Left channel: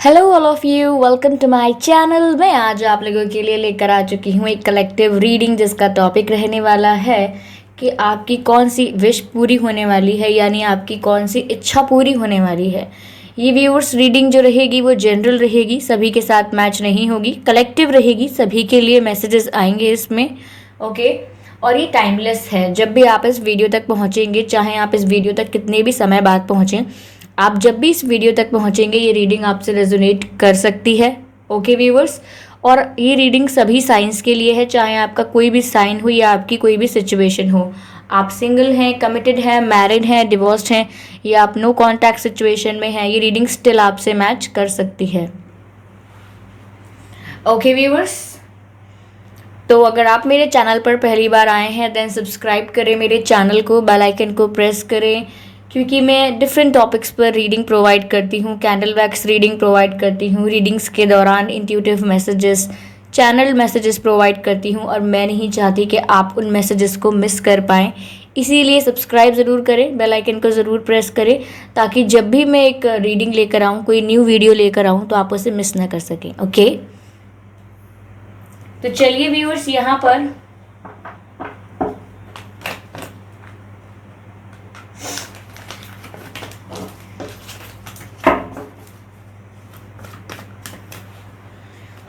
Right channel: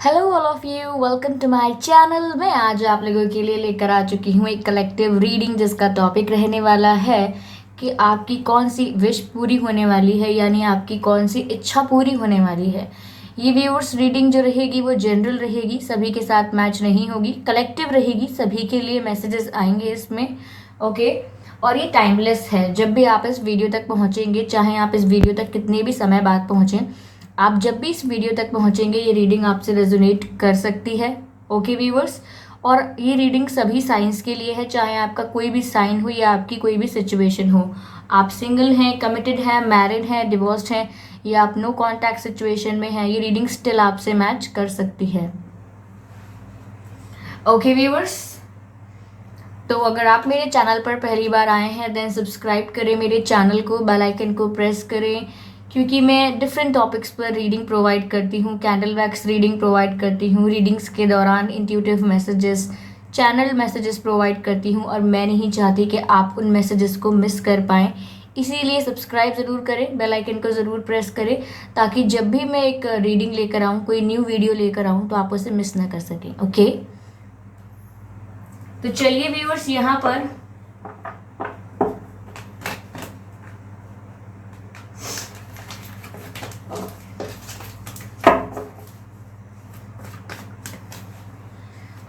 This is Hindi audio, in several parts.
Hello all of you, welcome to my channel. मैं आज आप लोगों के लिए लेकर आ चुकी हूँ एक कलेक्टिव रीडिंग जिसका टॉपिक रहने वाला है कि आपकी कौन सी विश पूरी होने वाली है, यानी आपकी कौन सी इच्छा पूरी होने वाली है। ये व्यूअर्स रीडिंग जो रहेगी वो जनरल रहेगी, सभी के साथ मैच नहीं होगी, कलेक्टिव रहेगी, सभी के लिए मैसेजेस आएंगे इसमें। ओके। और ये टाइमलेस है। जब भी आप इस वीडियो तक पहुँचेंगे, चाहे आप इस वीडियो तक कितने भी समय बाद पहुँचें, आप जब भी इस वीडियो तक पहुंचेंगे ये रीडिंग आपसे रेजोनेट कर सकती है। Okay viewers. और ये रीडिंग सभी साइंस के लिए है, चाहे आपका कोई भी साइन हो या आपकी कोई भी सिचुएशन हो। आप सिंगल हैं, कमिटेड हैं, मैरिड हैं, डिवोर्स्ड हैं, या आप नो कॉन्टैक्ट सिचुएशन में हैं, ये रीडिंग स्टिल आपसे मैच कर सकती है। Okay viewers. तो अगर आप मेरे चैनल पर पहली बार आए हैं देन सब्सक्राइब करें मेरे चैनल को, बेल आइकन को प्रेस करें, क्योंकि मैं डिफरेंट टॉपिक्स पर रीडिंग प्रोवाइड करती हूँ, कैंडल वैक्स रीडिंग प्रोवाइड करती हूँ, रीडिंग्स के दौरान intuitive messages, channel messages provide करती हूँ, और मैं नहीं चाहती कि आप उन मैसेजेस को मिस कर पाएँ। इसीलिए सब्सक्राइब ज़रूर करें, बेल आइकन को ज़रूर प्रेस करें, ताकि जब भी मैं एक रीडिंग लेकर आऊँ, कोई न्यू वीडियो लेकर आऊँ, तो आप उसे मिस ना कर सकें। ओके। तो चलिए व्यूअर्स, यहाँ पर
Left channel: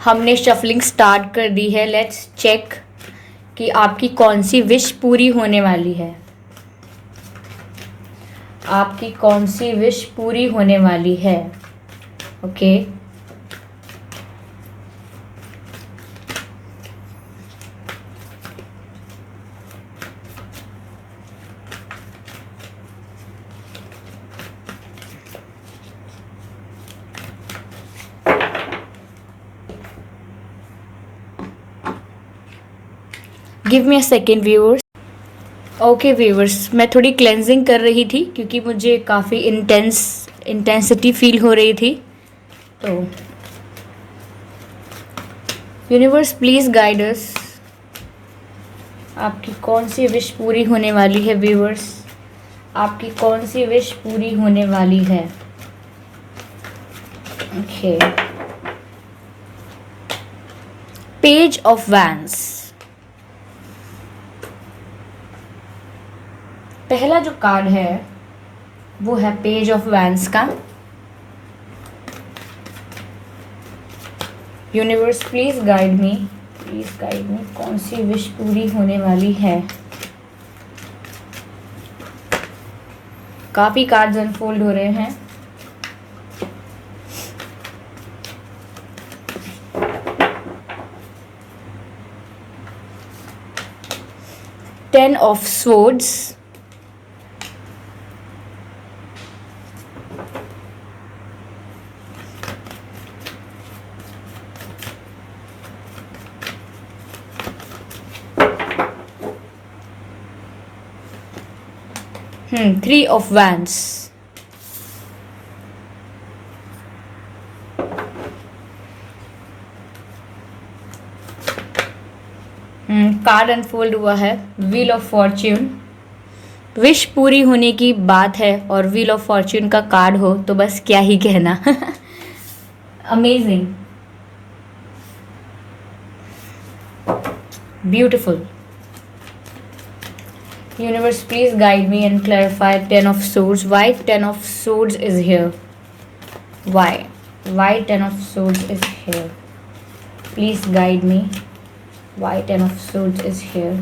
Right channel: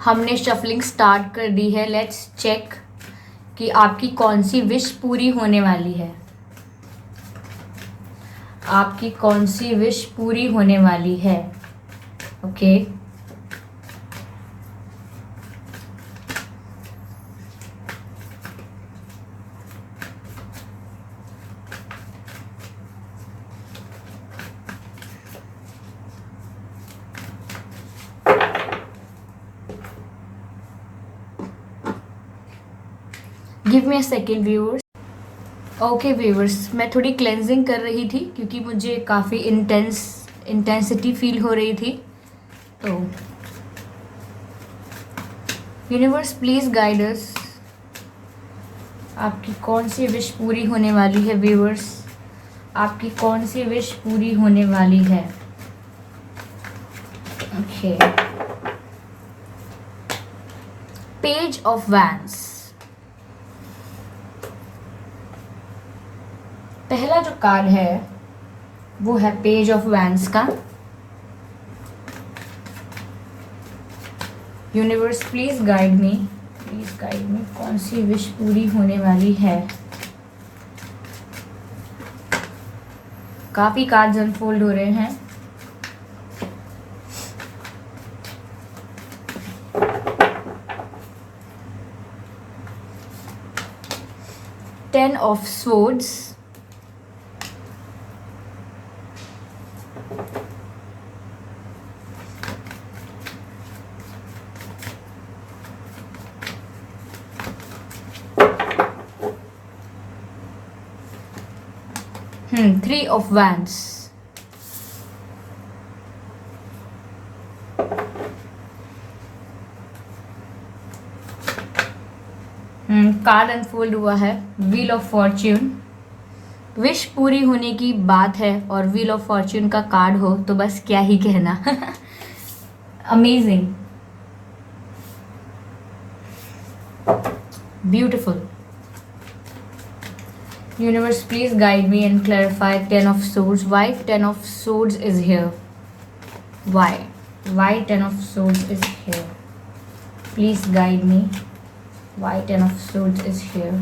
हमने शफलिंग स्टार्ट कर दी है। लेट्स चेक कि आपकी कौन सी विश पूरी होने वाली है। आपकी कौन सी विश पूरी होने वाली है। Okay. Give me a second viewers. Okay viewers, मैं थोड़ी क्लेंजिंग कर रही थी क्योंकि मुझे काफ़ी इंटेंसिटी फील हो रही थी। तो यूनिवर्स प्लीज़ गाइड अस। आपकी कौन सी विश पूरी होने वाली है व्यूअर्स। आपकी कौन सी विश पूरी होने वाली है। ओके। Page of vents. पहला जो कार्ड है वो है पेज ऑफ वैंस का। Universe please guide me, please guide me, कौन सी विश पूरी होने वाली है। काफी कार्ड्स अनफोल्ड हो रहे हैं। Ten of swords, 3 of wands, card unfold हुआ है व्हील ऑफ फॉर्च्यून। विश पूरी होने की बात है और व्हील ऑफ फॉर्च्यून का कार्ड हो तो बस क्या ही कहना। Amazing, beautiful. Universe, please guide me and clarify 10 of swords. Why 10 of swords is here? Why? Why 10 of swords is here? Please guide me. Why 10 of swords is here?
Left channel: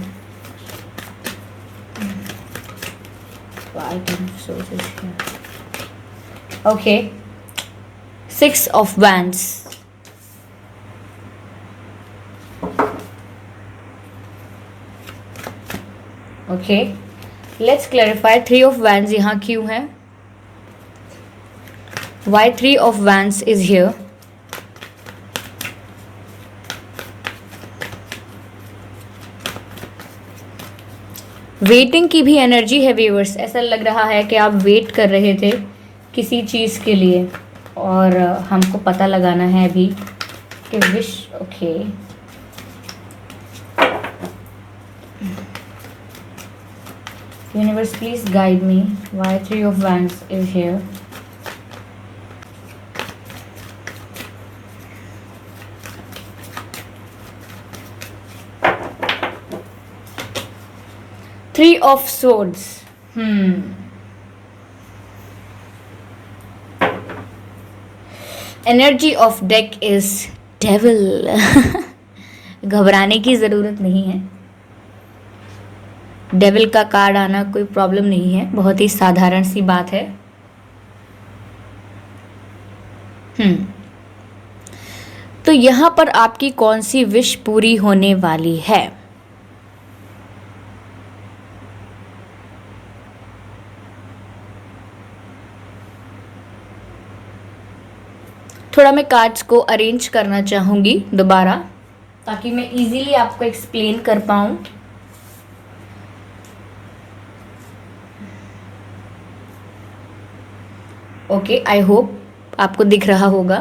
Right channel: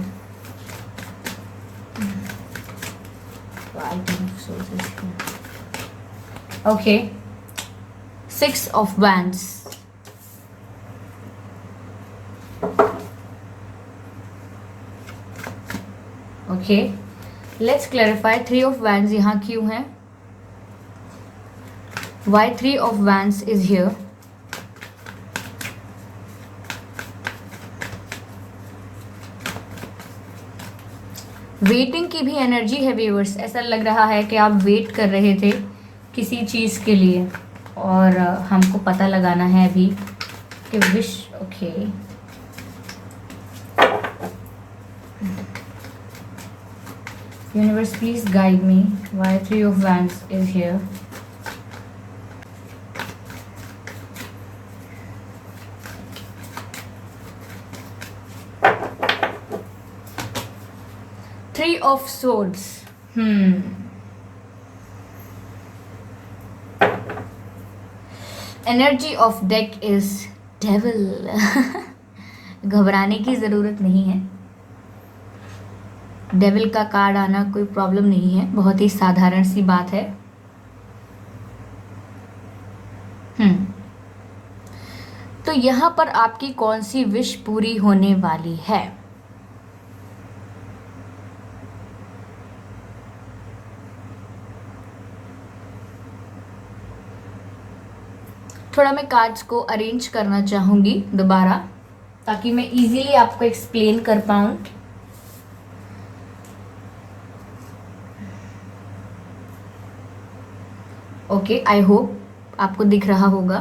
Why 10 of swords is here? Okay. 6 of wands. Okay, let's clarify 3 of wands यहाँ क्यों है। Why 3 of wands is here. Waiting की भी एनर्जी है व्यूअर्स। ऐसा लग रहा है कि आप वेट कर रहे थे किसी चीज़ के लिए और हमको पता लगाना है अभी कि wish. Okay, Universe, please guide me. Why 3 of wands is here? Three of swords. Energy of deck is devil. घबराने की ज़रूरत नहीं है। डेविल का कार्ड आना कोई प्रॉब्लम नहीं है, बहुत ही साधारण सी बात है। तो यहाँ पर आपकी कौन सी विश पूरी होने वाली है? थोड़ा मैं कार्ड्स को अरेंज करना चाहूँगी दोबारा, ताकि मैं इजीली आपको एक्सप्लेन कर पाऊँ। ओके, आई होप आपको दिख रहा होगा।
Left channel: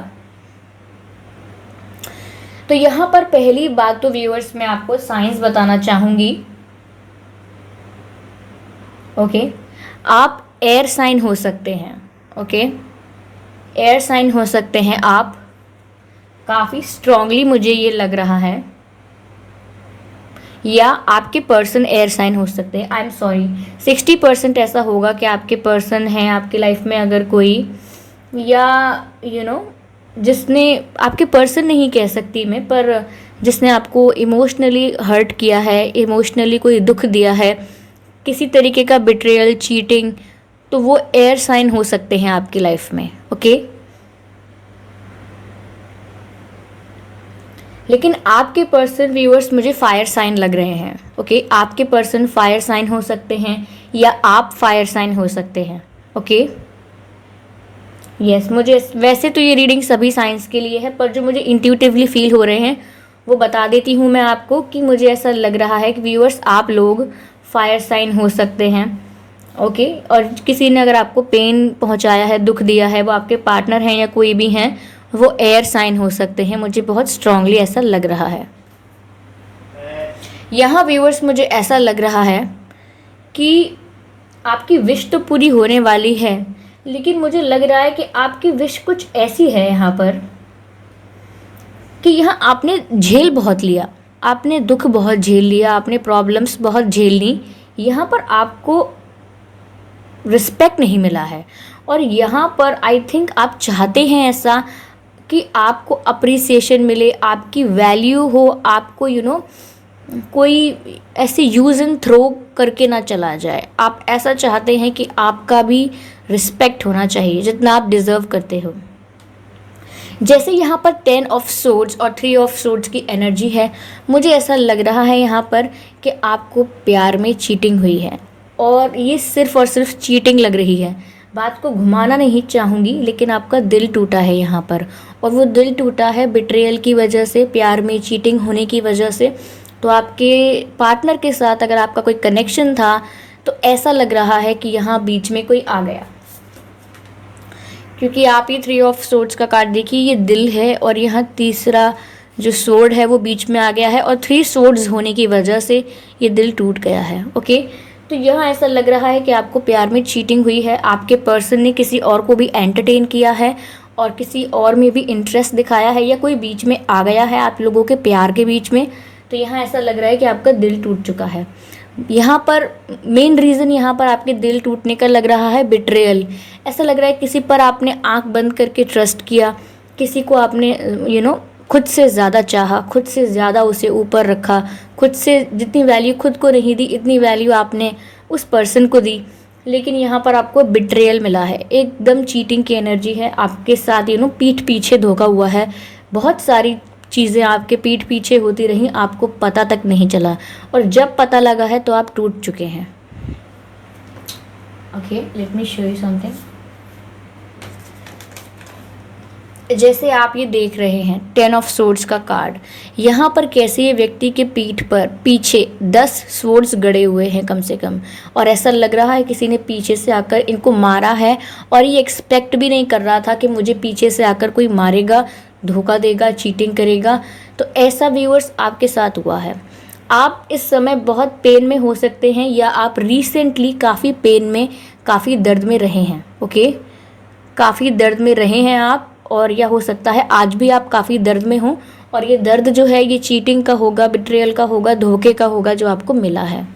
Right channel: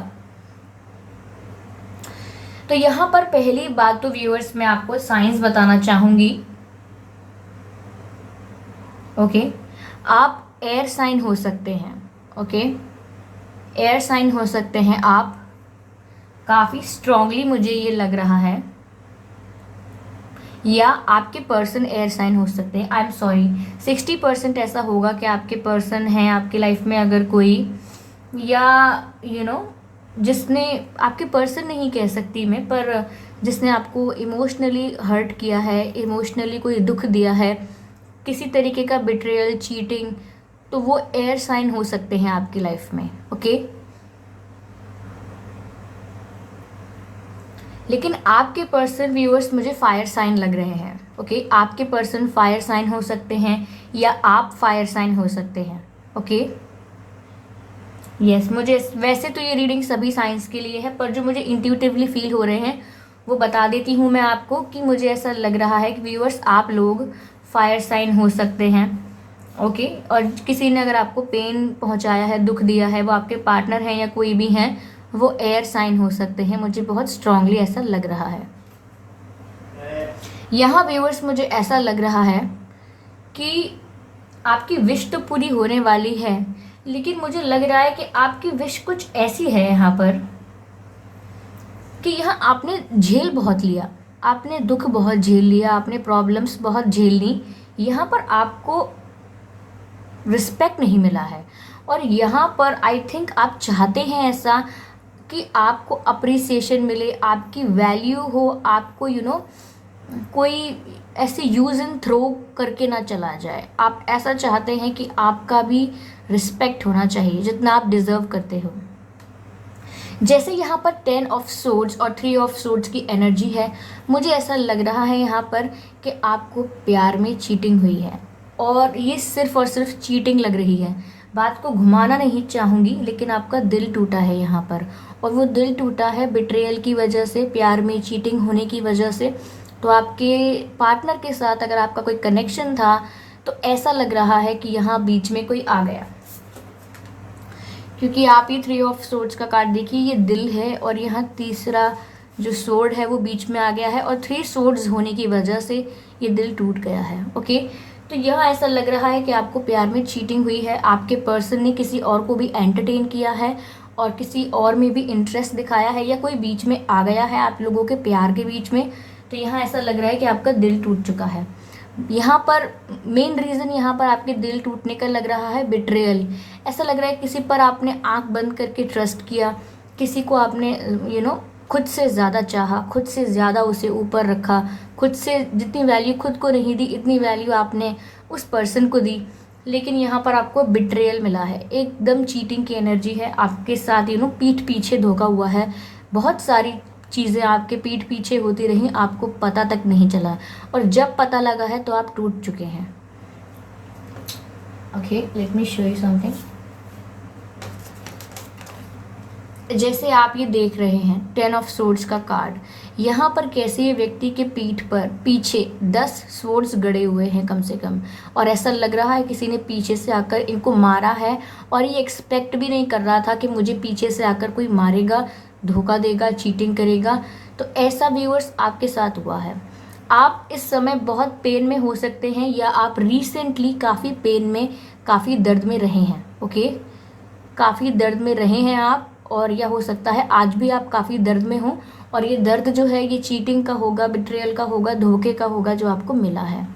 तो यहाँ पर पहली बात तो व्यूअर्स मैं आपको साइंस बताना चाहूँगी। ओके, आप एयर साइन हो सकते हैं। ओके, एयर साइन हो सकते हैं आप, काफ़ी स्ट्रांगली मुझे ये लग रहा है, या आपके पर्सन एयर साइन हो सकते हैं। आई एम सॉरी, 60% ऐसा होगा कि आपके पर्सन हैं आपकी लाइफ में अगर कोई, या जिसने, आपके पर्सन नहीं कह सकती मैं, पर जिसने आपको इमोशनली हर्ट किया है, इमोशनली कोई दुख दिया है, किसी तरीके का बिट्रेयल, चीटिंग, तो वो एयर साइन हो सकते हैं आपकी लाइफ में। ओके, लेकिन आपके पर्सन व्यूअर्स मुझे फायर साइन लग रहे हैं। ओके, आपके पर्सन फायर साइन हो सकते हैं या आप फायर साइन हो सकते हैं। ओके, यस, मुझे वैसे तो ये रीडिंग सभी साइंस के लिए है, पर जो मुझे इंट्यूटिवली फील हो रहे हैं वो बता देती हूँ मैं आपको, कि मुझे ऐसा लग रहा है कि व्यूअर्स आप लोग फायर साइन हो सकते हैं। ओके, और किसी ने अगर आपको पेन पहुँचाया है, दुख दिया है, वो आपके पार्टनर हैं या कोई भी हैं, वो एयर साइन हो सकते हैं। मुझे बहुत स्ट्रांगली ऐसा लग रहा है। यहाँ व्यूअर्स मुझे ऐसा लग रहा है कि आपकी विश तो पूरी होने वाली है, लेकिन मुझे लग रहा है कि आपकी विश कुछ ऐसी है यहाँ पर कि यहाँ आपने झेल बहुत लिया, आपने दुख बहुत झेल लिया, आपने प्रॉब्लम्स बहुत झेल ली, यहाँ पर आपको रिस्पेक्ट नहीं मिला है। और यहाँ पर आई थिंक आप चाहते हैं ऐसा कि आपको अप्रिसिएशन मिले, आपकी वैल्यू हो, आपको कोई ऐसे यूज़ एंड थ्रो करके ना चला जाए। आप ऐसा चाहते हैं कि आपका भी रिस्पेक्ट होना चाहिए जितना आप डिज़र्व करते हो। जैसे यहाँ पर 10 ऑफ सोर्ड्स और 3 ऑफ सोर्ड्स की एनर्जी है, मुझे ऐसा लग रहा है यहाँ पर कि आपको प्यार में चीटिंग हुई है, और ये सिर्फ और सिर्फ चीटिंग लग रही है। बात को घुमाना नहीं चाहूँगी, लेकिन आपका दिल टूटा है यहाँ पर, और वो दिल टूटा है बिट्रेयल की वजह से, प्यार में चीटिंग होने की वजह से। तो आपके पार्टनर के साथ अगर आपका कोई कनेक्शन था, तो ऐसा लग रहा है कि यहाँ बीच में कोई आ गया, क्योंकि आप ये 3 ऑफ सोर्ड्स का कार्ड देखिए, ये दिल है, और यहाँ तीसरा जो सोर्ड है वो बीच में आ गया है, और 3 सोर्ड्स होने की वजह से ये दिल टूट गया है। ओके, तो यहाँ ऐसा लग रहा है कि आपको प्यार में चीटिंग हुई है, आपके पर्सन ने किसी और को भी एंटरटेन किया है, और किसी और में भी इंटरेस्ट दिखाया है, या कोई बीच में आ गया है आप लोगों के प्यार के बीच में। तो यहाँ ऐसा लग रहा है कि आपका दिल टूट चुका है। यहाँ पर मेन रीज़न यहाँ पर आपके दिल टूटने का लग रहा है बिट्रेयल। ऐसा लग रहा है किसी पर आपने आंख बंद करके ट्रस्ट किया, किसी को आपने खुद से ज़्यादा चाहा, खुद से ज़्यादा उसे ऊपर रखा, खुद से जितनी वैल्यू खुद को नहीं दी, इतनी वैल्यू आपने उस पर्सन को दी, लेकिन यहाँ पर आपको बिट्रेयल मिला है। एकदम चीटिंग की एनर्जी है आपके साथ, पीठ पीछे धोखा हुआ है। बहुत सारी चीज़ें आपके पीठ पीछे होती रहीं, आपको पता तक नहीं चला, और जब पता लगा है तो आप टूट चुके हैं। Okay, let me show you something. जैसे आप ये देख रहे हैं 10 ऑफ सोर्ड्स का कार्ड, यहाँ पर कैसे ये व्यक्ति के पीठ पर पीछे 10 सोर्ड्स गड़े हुए हैं कम से कम, और ऐसा लग रहा है किसी ने पीछे से आकर इनको मारा है, और ये एक्सपेक्ट भी नहीं कर रहा था कि मुझे पीछे से आकर कोई मारेगा, धोखा देगा, चीटिंग करेगा। तो ऐसा व्यूअर्स आपके साथ हुआ है। आप इस समय बहुत पेन में हो सकते हैं, या आप रिसेंटली काफ़ी पेन में, काफ़ी दर्द में रहे हैं। ओके, काफ़ी दर्द में रहे हैं आप, और यह हो सकता है आज भी आप काफ़ी दर्द में हो, और ये दर्द जो है ये चीटिंग का होगा, बिट्रेयल का होगा, धोखे का होगा जो आपको मिला है।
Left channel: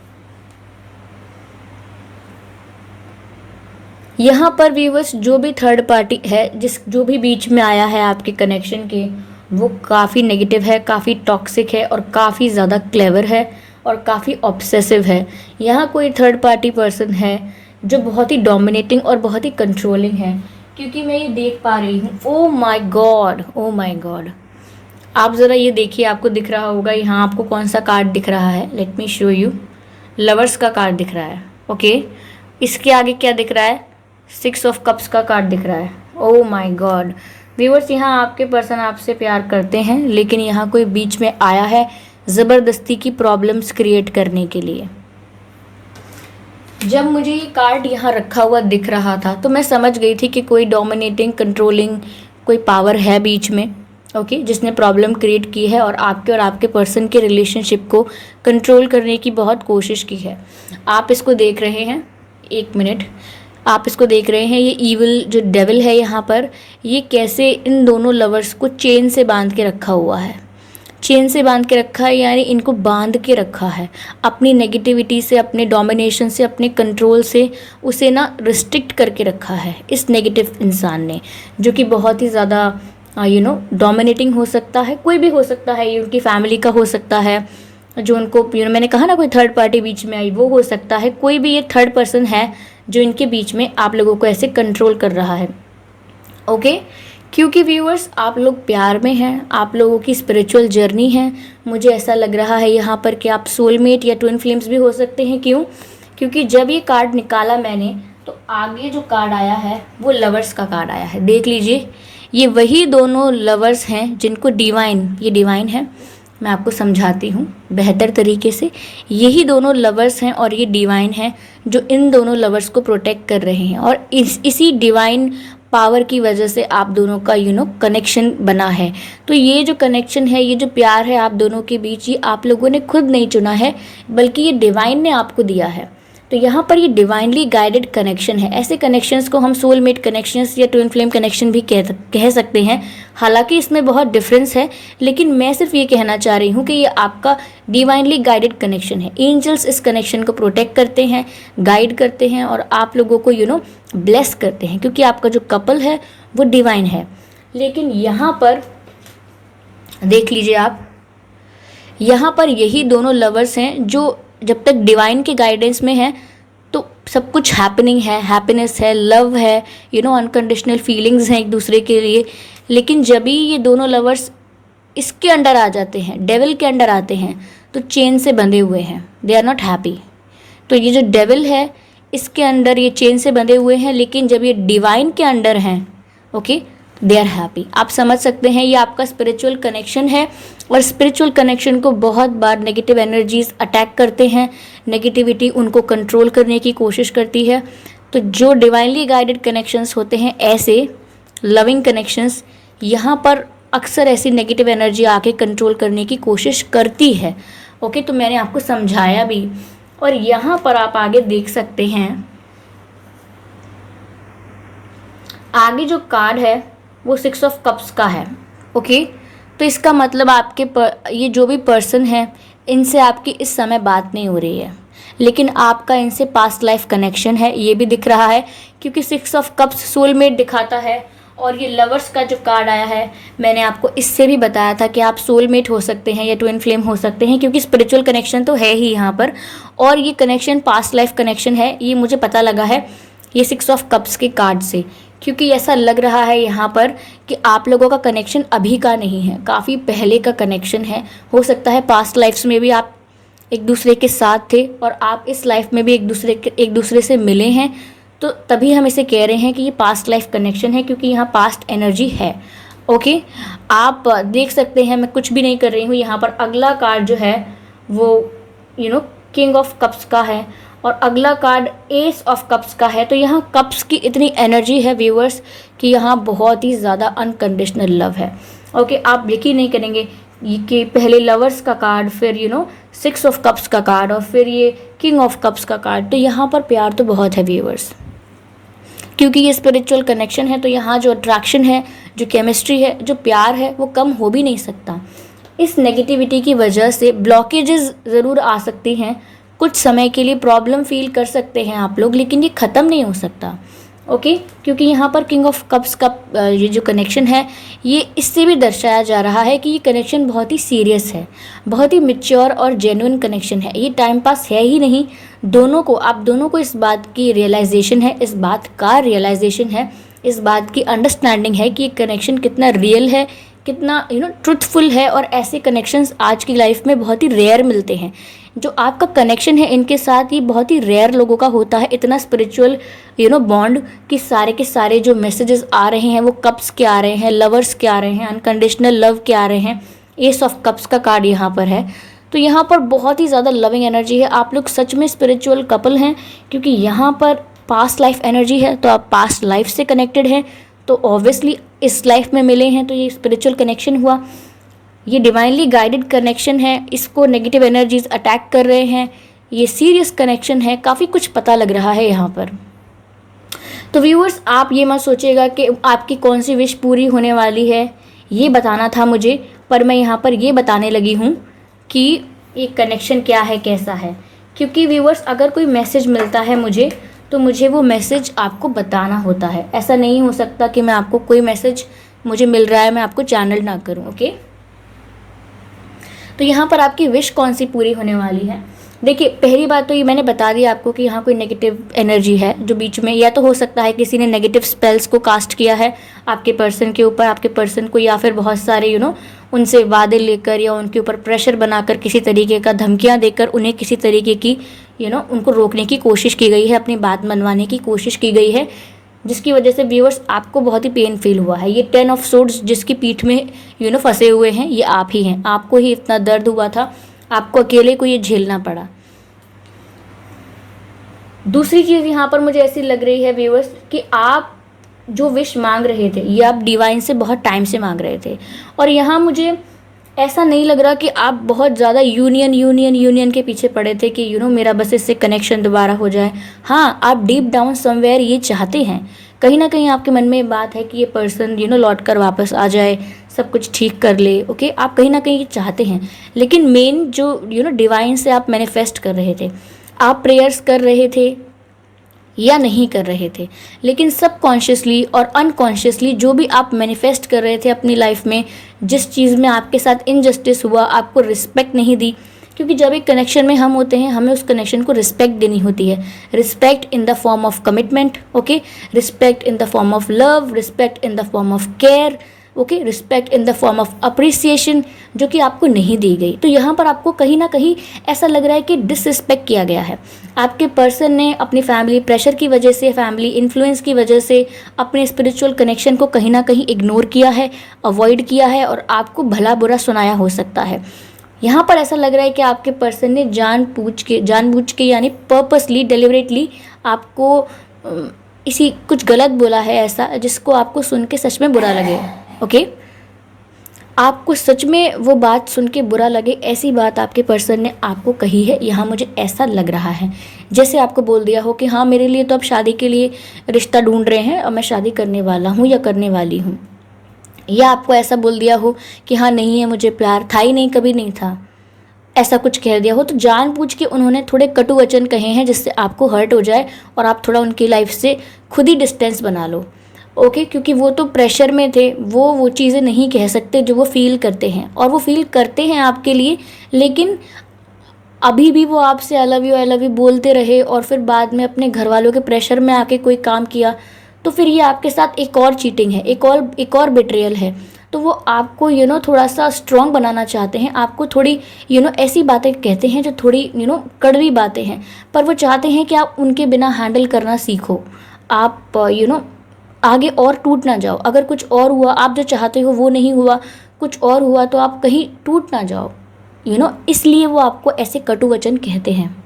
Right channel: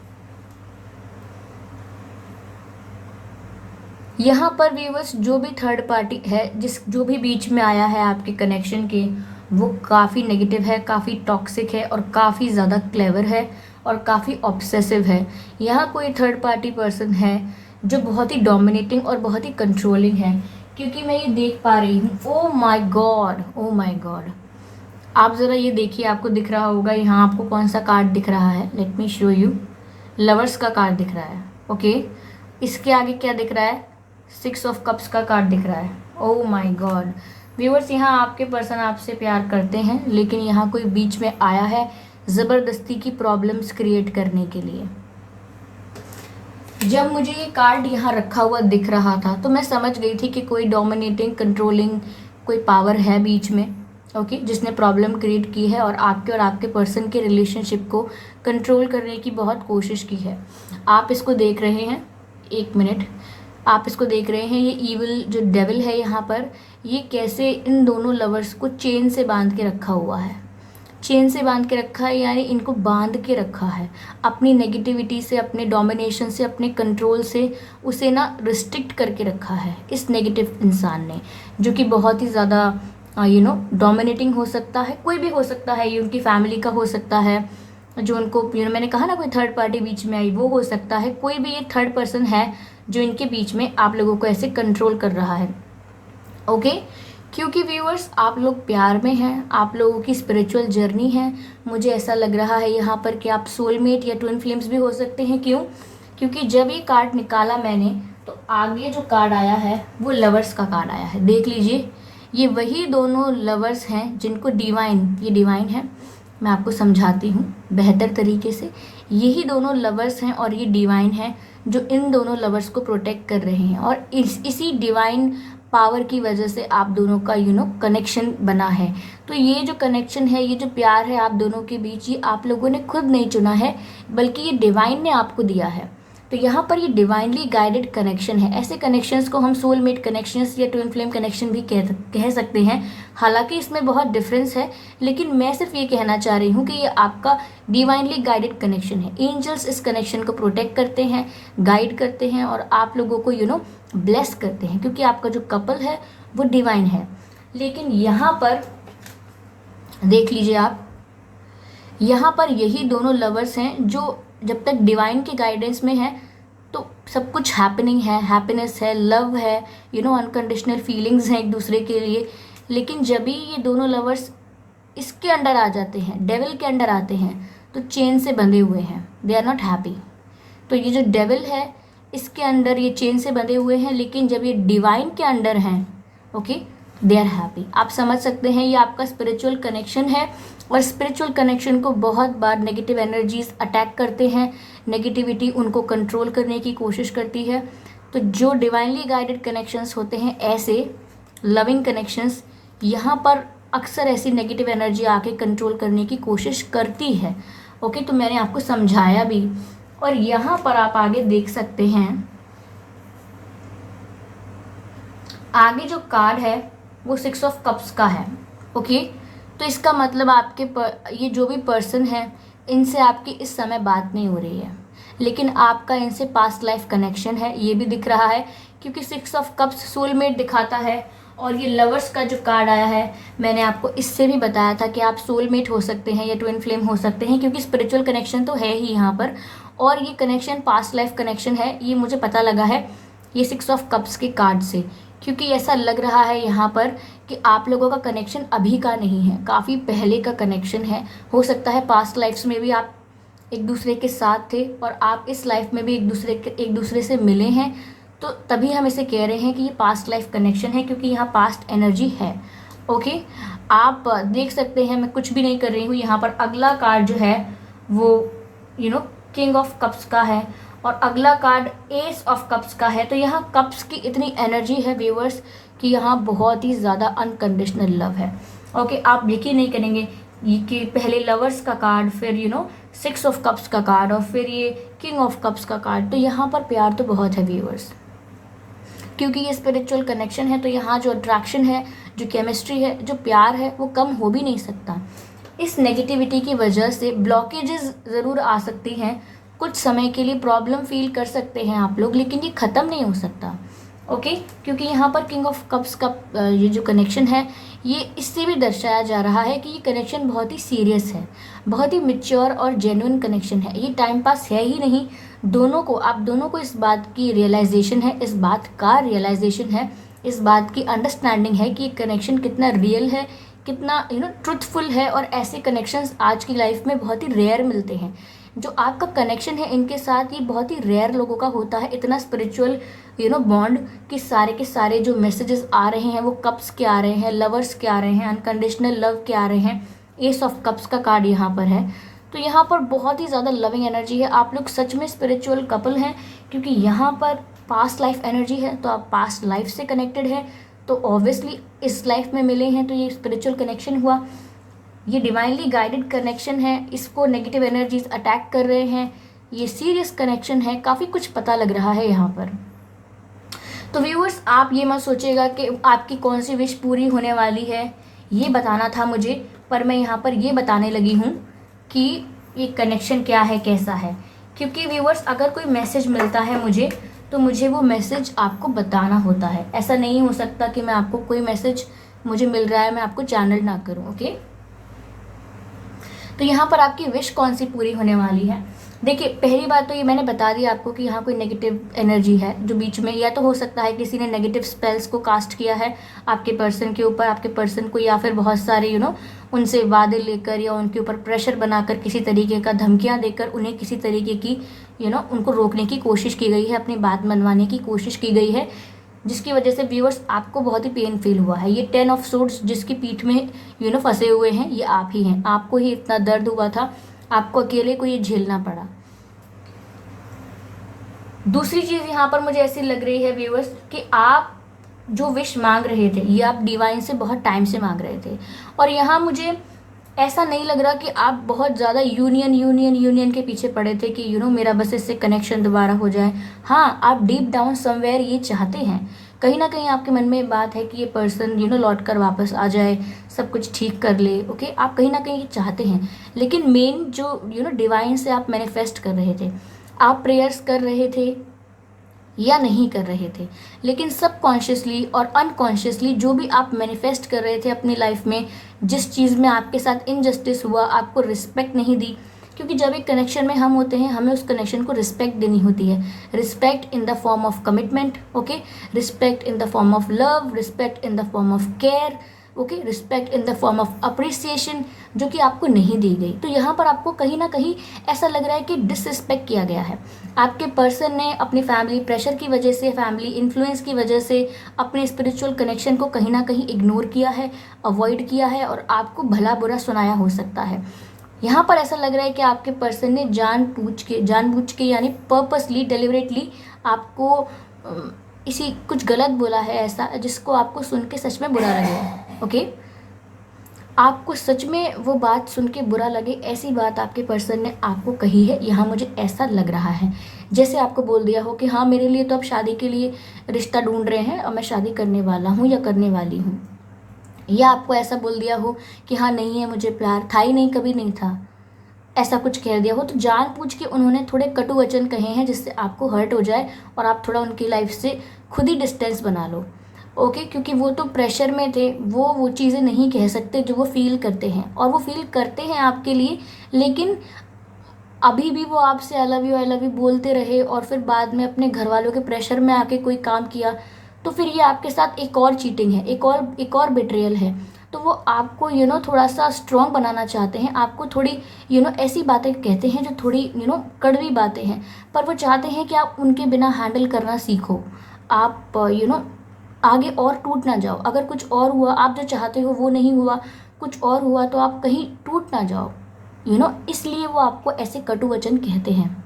यहाँ पर व्यूअर्स जो भी थर्ड पार्टी है, जो भी बीच में आया है आपके कनेक्शन के, वो काफ़ी नेगेटिव है, काफ़ी टॉक्सिक है और काफ़ी ज़्यादा क्लेवर है और काफ़ी ऑब्सेसिव है। यहाँ कोई थर्ड पार्टी पर्सन है जो बहुत ही डोमिनेटिंग और बहुत ही कंट्रोलिंग है, क्योंकि मैं ये देख पा रही हूँ। Oh my God, oh my God, आप ज़रा ये देखिए, आपको दिख रहा होगा यहाँ आपको कौन सा कार्ड दिख रहा है। Let me show you. Lovers का कार्ड दिख रहा है। ओके, इसके आगे क्या दिख रहा है? 6 ऑफ कप्स का कार्ड दिख रहा है। ओह माय गॉड व्यूअर्स, यहाँ आपके पर्सन आपसे प्यार करते हैं, लेकिन यहाँ कोई बीच में आया है ज़बरदस्ती की प्रॉब्लम्स क्रिएट करने के लिए। जब मुझे ये कार्ड यहाँ रखा हुआ दिख रहा था तो मैं समझ गई थी कि कोई डोमिनेटिंग, कंट्रोलिंग कोई पावर है बीच में, ओके, जिसने प्रॉब्लम क्रिएट की है और आपके पर्सन के रिलेशनशिप को कंट्रोल करने की बहुत कोशिश की है। आप इसको देख रहे हैं, एक मिनट, आप इसको देख रहे हैं, ये ईविल जो डेविल है यहाँ पर, ये कैसे इन दोनों लवर्स को चेन से बांध के रखा हुआ है। चेन से बांध के रखा है यानी इनको बांध के रखा है अपनी नेगेटिविटी से, अपने डोमिनेशन से, अपने कंट्रोल से, उसे ना रिस्ट्रिक्ट करके रखा है इस नेगेटिव इंसान ने, जो कि बहुत ही ज़्यादा डोमिनेटिंग हो सकता है। कोई भी हो सकता है, ये उनकी फैमिली का हो सकता है, जो उनको मैंने कहा ना कोई थर्ड पार्टी बीच में आई, वो हो सकता है। कोई भी ये थर्ड पर्सन है जो इनके बीच में आप लोगों को ऐसे कंट्रोल कर रहा है। ओके, क्योंकि व्यूअर्स आप लोग प्यार में हैं, आप लोगों की स्पिरिचुअल जर्नी है। मुझे ऐसा लग रहा है यहाँ पर कि आप सोलमेट या ट्विन फ्लेम्स भी हो सकते हैं। क्यों? क्योंकि जब ये कार्ड निकाला मैंने तो आगे जो कार्ड आया है वो लवर्स का कार्ड आया है। देख लीजिए, ये वही दोनों लवर्स हैं जिनको ये डिवाइन है। मैं आपको समझाती हूँ बेहतर तरीके से। यही दोनों लवर्स हैं और ये डिवाइन है जो इन दोनों लवर्स को प्रोटेक्ट कर रहे हैं, और इसी डिवाइन पावर की वजह से आप दोनों का कनेक्शन बना है। तो ये जो कनेक्शन है, ये जो प्यार है आप दोनों के बीच, ये आप लोगों ने खुद नहीं चुना है, बल्कि ये डिवाइन ने आपको दिया है। तो यहाँ पर ये डिवाइनली गाइडेड कनेक्शन है। ऐसे कनेक्शंस को हम सोलमेट कनेक्शंस या ट्विन फ्लेम कनेक्शन भी कह सकते हैं। हालांकि इसमें बहुत डिफरेंस है, लेकिन मैं सिर्फ ये कहना चाह रही हूँ कि ये आपका डिवाइनली गाइडेड कनेक्शन है। एंजल्स इस कनेक्शन को प्रोटेक्ट करते हैं, गाइड करते हैं और आप लोगों को ब्लेस करते हैं, क्योंकि आपका जो कपल है वो डिवाइन है। लेकिन यहाँ पर देख लीजिए आप, यहाँ पर यही दोनों लवर्स हैं जो जब तक डिवाइन के गाइडेंस में है तो सब कुछ हैपनिंग है, हैप्पीनेस है, लव है, अनकंडीशनल फीलिंग्स हैं एक दूसरे के लिए। लेकिन जब भी ये दोनों लवर्स इसके अंडर आ जाते हैं, डेविल के अंडर आते हैं, तो चेन से बंधे हुए हैं, दे आर नॉट हैप्पी। तो ये जो डेविल है इसके अंडर ये चेन से बंधे हुए हैं, लेकिन जब ये डिवाइन के अंडर हैं, ओके, दे आर हैप्पी। आप समझ सकते हैं ये आपका स्पिरिचुअल कनेक्शन है, और स्पिरिचुअल कनेक्शन को बहुत बार नेगेटिव एनर्जीज अटैक करते हैं, नेगेटिविटी उनको कंट्रोल करने की कोशिश करती है। तो जो डिवाइनली गाइडेड कनेक्शंस होते हैं, ऐसे लविंग कनेक्शंस, यहाँ पर अक्सर ऐसी नेगेटिव एनर्जी आके कंट्रोल करने की कोशिश करती है। ओके, तो मैंने आपको समझाया भी। और यहाँ पर आप आगे देख सकते हैं, आगे जो कार्ड है वो 6 ऑफ कप्स का है। ओके, तो इसका मतलब ये जो भी पर्सन है, इनसे आपकी इस समय बात नहीं हो रही है, लेकिन आपका इनसे पास्ट लाइफ कनेक्शन है, ये भी दिख रहा है, क्योंकि 6 ऑफ कप्स सोलमेट दिखाता है। और ये लवर्स का जो कार्ड आया है, मैंने आपको इससे भी बताया था कि आप सोलमेट हो सकते हैं या ट्विन फ्लेम हो सकते हैं, क्योंकि स्पिरिचुअल कनेक्शन तो है ही यहाँ पर, और ये कनेक्शन पास्ट लाइफ कनेक्शन है, ये मुझे पता लगा है ये 6 ऑफ कप्स के कार्ड से। क्योंकि ऐसा लग रहा है यहाँ पर कि आप लोगों का कनेक्शन अभी का नहीं है, काफ़ी पहले का कनेक्शन है। हो सकता है पास्ट लाइफ्स में भी आप एक दूसरे के साथ थे और आप इस लाइफ में भी एक दूसरे से मिले हैं, तो तभी हम इसे कह रहे हैं कि ये पास्ट लाइफ कनेक्शन है, क्योंकि यहाँ पास्ट एनर्जी है। ओके, आप देख सकते हैं मैं कुछ भी नहीं कर रही हूँ। यहाँ पर अगला कार्ड जो है वो किंग ऑफ कप्स का है, और अगला कार्ड एस ऑफ कप्स का है। तो यहाँ कप्स की इतनी एनर्जी है व्यूअर्स कि यहाँ बहुत ही ज़्यादा अनकंडीशनल लव है। ओके, आप यकीन नहीं करेंगे कि पहले लवर्स का कार्ड, फिर 6 ऑफ कप्स का कार्ड, और फिर ये किंग ऑफ कप्स का कार्ड। तो यहाँ पर प्यार तो बहुत है व्यूअर्स, क्योंकि ये स्पिरिचुअल कनेक्शन है। तो यहाँ जो अट्रैक्शन है, जो केमिस्ट्री है, जो प्यार है, वो कम हो भी नहीं सकता। इस नेगेटिविटी की वजह से ब्लॉकेजेस ज़रूर आ सकती हैं, कुछ समय के लिए प्रॉब्लम फील कर सकते हैं आप लोग, लेकिन ये ख़त्म नहीं हो सकता। ओके, क्योंकि यहाँ पर किंग ऑफ कप्स का ये जो कनेक्शन है, ये इससे भी दर्शाया जा रहा है कि ये कनेक्शन बहुत ही सीरियस है, बहुत ही मैच्योर और जेन्युइन कनेक्शन है। ये टाइम पास है ही नहीं, दोनों को, आप दोनों को इस बात की रियलाइजेशन है, इस बात का रियलाइजेशन है, इस बात की अंडरस्टैंडिंग है कि ये कनेक्शन कितना रियल है, कितना ट्रुथफुल है। और ऐसे कनेक्शंस आज की लाइफ में बहुत ही रेयर मिलते हैं। जो आपका कनेक्शन है इनके साथ, ये बहुत ही रेयर लोगों का होता है, इतना स्पिरिचुअल बॉन्ड कि सारे के सारे जो मैसेजेस आ रहे हैं वो कप्स के आ रहे हैं, लवर्स के आ रहे हैं, अनकंडीशनल लव के आ रहे हैं। एस ऑफ कप्स का कार्ड यहाँ पर है, तो यहाँ पर बहुत ही ज़्यादा लविंग एनर्जी है। आप लोग सच में स्पिरिचुअल कपल हैं, क्योंकि यहाँ पर पास्ट लाइफ एनर्जी है, तो आप पास्ट लाइफ से कनेक्टेड हैं, तो ऑब्वियसली इस लाइफ में मिले हैं, तो ये स्पिरिचुअल कनेक्शन हुआ। ये डिवाइनली गाइडेड कनेक्शन है, इसको नेगेटिव एनर्जीज अटैक कर रहे हैं, ये सीरियस कनेक्शन है, काफ़ी कुछ पता लग रहा है यहाँ पर। तो व्यूअर्स, आप ये मत सोचिएगा कि आपकी कौन सी विश पूरी होने वाली है, ये बताना था मुझे, पर मैं यहाँ पर ये बताने लगी हूँ कि ये कनेक्शन क्या है, कैसा है। क्योंकि व्यूअर्स, अगर कोई मैसेज मिलता है मुझे, तो मुझे वो मैसेज आपको बताना होता है। ऐसा नहीं हो सकता कि मैं आपको, कोई मैसेज मुझे मिल रहा है मैं आपको चैनल ना करूँ। ओके, तो यहाँ पर आपकी विश कौन सी पूरी होने वाली है। देखिए, पहली बात तो ये मैंने बता दिया आपको कि यहाँ कोई नेगेटिव एनर्जी है जो बीच में, या तो हो सकता है किसी ने नेगेटिव स्पेल्स को कास्ट किया है आपके पर्सन के ऊपर, आपके पर्सन को, या फिर बहुत सारे उनसे वादे लेकर या उनके ऊपर प्रेशर बनाकर, किसी तरीके का धमकियाँ देकर उन्हें किसी तरीके की उनको रोकने की कोशिश की गई है, अपनी बात मनवाने की कोशिश की गई है, जिसकी वजह से व्यूअर्स आपको बहुत ही पेन फील हुआ है। ये 10 ऑफ सोर्ड्स जिसकी पीठ में फंसे हुए हैं, ये आप ही हैं। आपको ही इतना दर्द हुआ था, आपको अकेले को ये झेलना पड़ा। दूसरी चीज़ यहाँ पर मुझे ऐसी लग रही है व्यूअर्स कि आप जो विश मांग रहे थे, ये आप डिवाइन से बहुत टाइम से मांग रहे थे, और यहाँ मुझे ऐसा नहीं लग रहा कि आप बहुत ज़्यादा यूनियन के पीछे पड़े थे कि मेरा बस इससे कनेक्शन दोबारा हो जाए। हाँ, आप डीप डाउन समवेयर ये चाहते हैं, कहीं ना कहीं आपके मन में ये बात है कि ये पर्सन लौट कर वापस आ जाए, सब कुछ ठीक कर ले। ओके, आप कहीं ना कहीं ये चाहते हैं, लेकिन मेन जो डिवाइन से आप मैनिफेस्ट कर रहे थे, आप प्रेयर्स कर रहे थे या नहीं कर रहे थे, लेकिन सबकॉन्शियसली और अनकॉन्शियसली जो भी आप मैनिफेस्ट कर रहे थे अपनी लाइफ में, जिस चीज़ में आपके साथ इनजस्टिस हुआ, आपको रिस्पेक्ट नहीं दी, क्योंकि जब एक कनेक्शन में हम होते हैं, हमें उस कनेक्शन को रिस्पेक्ट देनी होती है। Respect in the form of commitment, okay, respect in the form of love, respect in the form of care, okay, respect in the form of appreciation, जो कि आपको नहीं दी गई। तो यहाँ पर आपको कहीं ना कहीं ऐसा लग रहा है कि डिसरिस्पेक्ट किया गया है। आपके पर्सन ने अपनी फैमिली प्रेशर की वजह से, फैमिली इन्फ्लुएंस की वजह से अपने स्पिरिचुअल कनेक्शन को कहीं ना कहीं इग्नोर किया है, अवॉइड किया है, और आपको भला बुरा सुनाया हो सकता है। यहाँ पर ऐसा लग रहा है कि आपके पर्सन ने जानबूझ के यानी पर्पसली, डेलिबरेटली आपको इसी कुछ गलत बोला है, ऐसा जिसको आपको सुन के सच में बुरा लगे। ओके, आपको सच में वो बात सुन के बुरा लगे, ऐसी बात आपके पर्सन ने आपको कही है। यहाँ मुझे ऐसा लग रहा है जैसे आपको बोल दिया हो कि हाँ, मेरे लिए तो अब शादी के लिए रिश्ता ढूंढ रहे हैं और मैं शादी करने वाला हूँ या करने वाली हूँ, या आपको ऐसा बोल दिया हो कि हाँ नहीं है, मुझे प्यार था ही नहीं, कभी नहीं था, ऐसा कुछ कह दिया हो। तो जानबूझ के उन्होंने थोड़े कटु वचन कहे हैं जिससे आपको हर्ट हो जाए और आप थोड़ा उनकी लाइफ से खुद ही डिस्टेंस बना लो। ओके, क्योंकि वो तो प्रेशर में थे, वो चीज़ें नहीं कह सकते जो वो फील करते हैं, और वो फील करते हैं आपके लिए, लेकिन अभी भी वो आपसे आई लव यू बोलते रहे, और फिर बाद में अपने घर वालों के प्रेशर में आके कोई काम किया, तो फिर ये आपके साथ एक और चीटिंग है, एक और बिट्रेयल है। तो वो आपको थोड़ा सा स्ट्रॉन्ग बनाना चाहते हैं, आपको थोड़ी ऐसी बातें कहते हैं जो थोड़ी कड़वी बातें हैं, पर वो चाहते हैं कि आप उनके बिना हैंडल करना सीखो, आप आगे और टूट ना जाओ। अगर कुछ और हुआ, आप जो चाहते हो वो नहीं हुआ, कुछ और हुआ, तो आप कहीं टूट ना जाओ, इसलिए वो आपको ऐसे कटु वचन कहते हैं।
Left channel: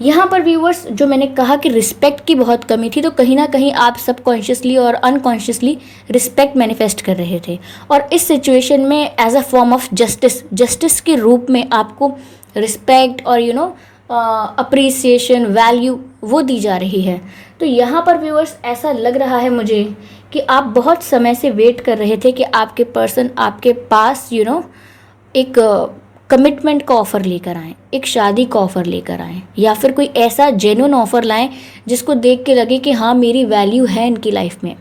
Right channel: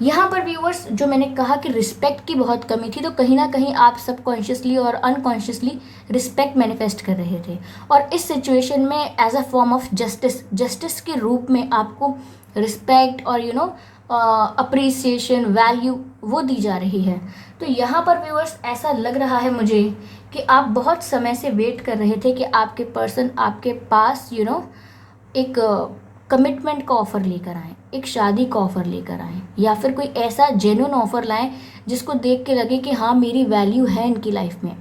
यहाँ पर व्यूअर्स, जो मैंने कहा कि रिस्पेक्ट की बहुत कमी थी, तो कहीं ना कहीं आप सबकॉन्शियसली और अनकॉन्शियसली रिस्पेक्ट मैनिफेस्ट कर रहे थे, और इस सिचुएशन में as a form of justice के रूप में आपको रिस्पेक्ट और अप्रिसिएशन, वैल्यू वो दी जा रही है। तो यहाँ पर व्यूअर्स, ऐसा लग रहा है मुझे कि आप बहुत समय से वेट कर रहे थे कि आपके पर्सन आपके पास एक कमिटमेंट का ऑफ़र लेकर आएँ, एक शादी का ऑफ़र लेकर आएँ, या फिर कोई ऐसा जेन्युइन ऑफ़र लाएँ जिसको देख के लगे कि हाँ मेरी वैल्यू है इनकी लाइफ में।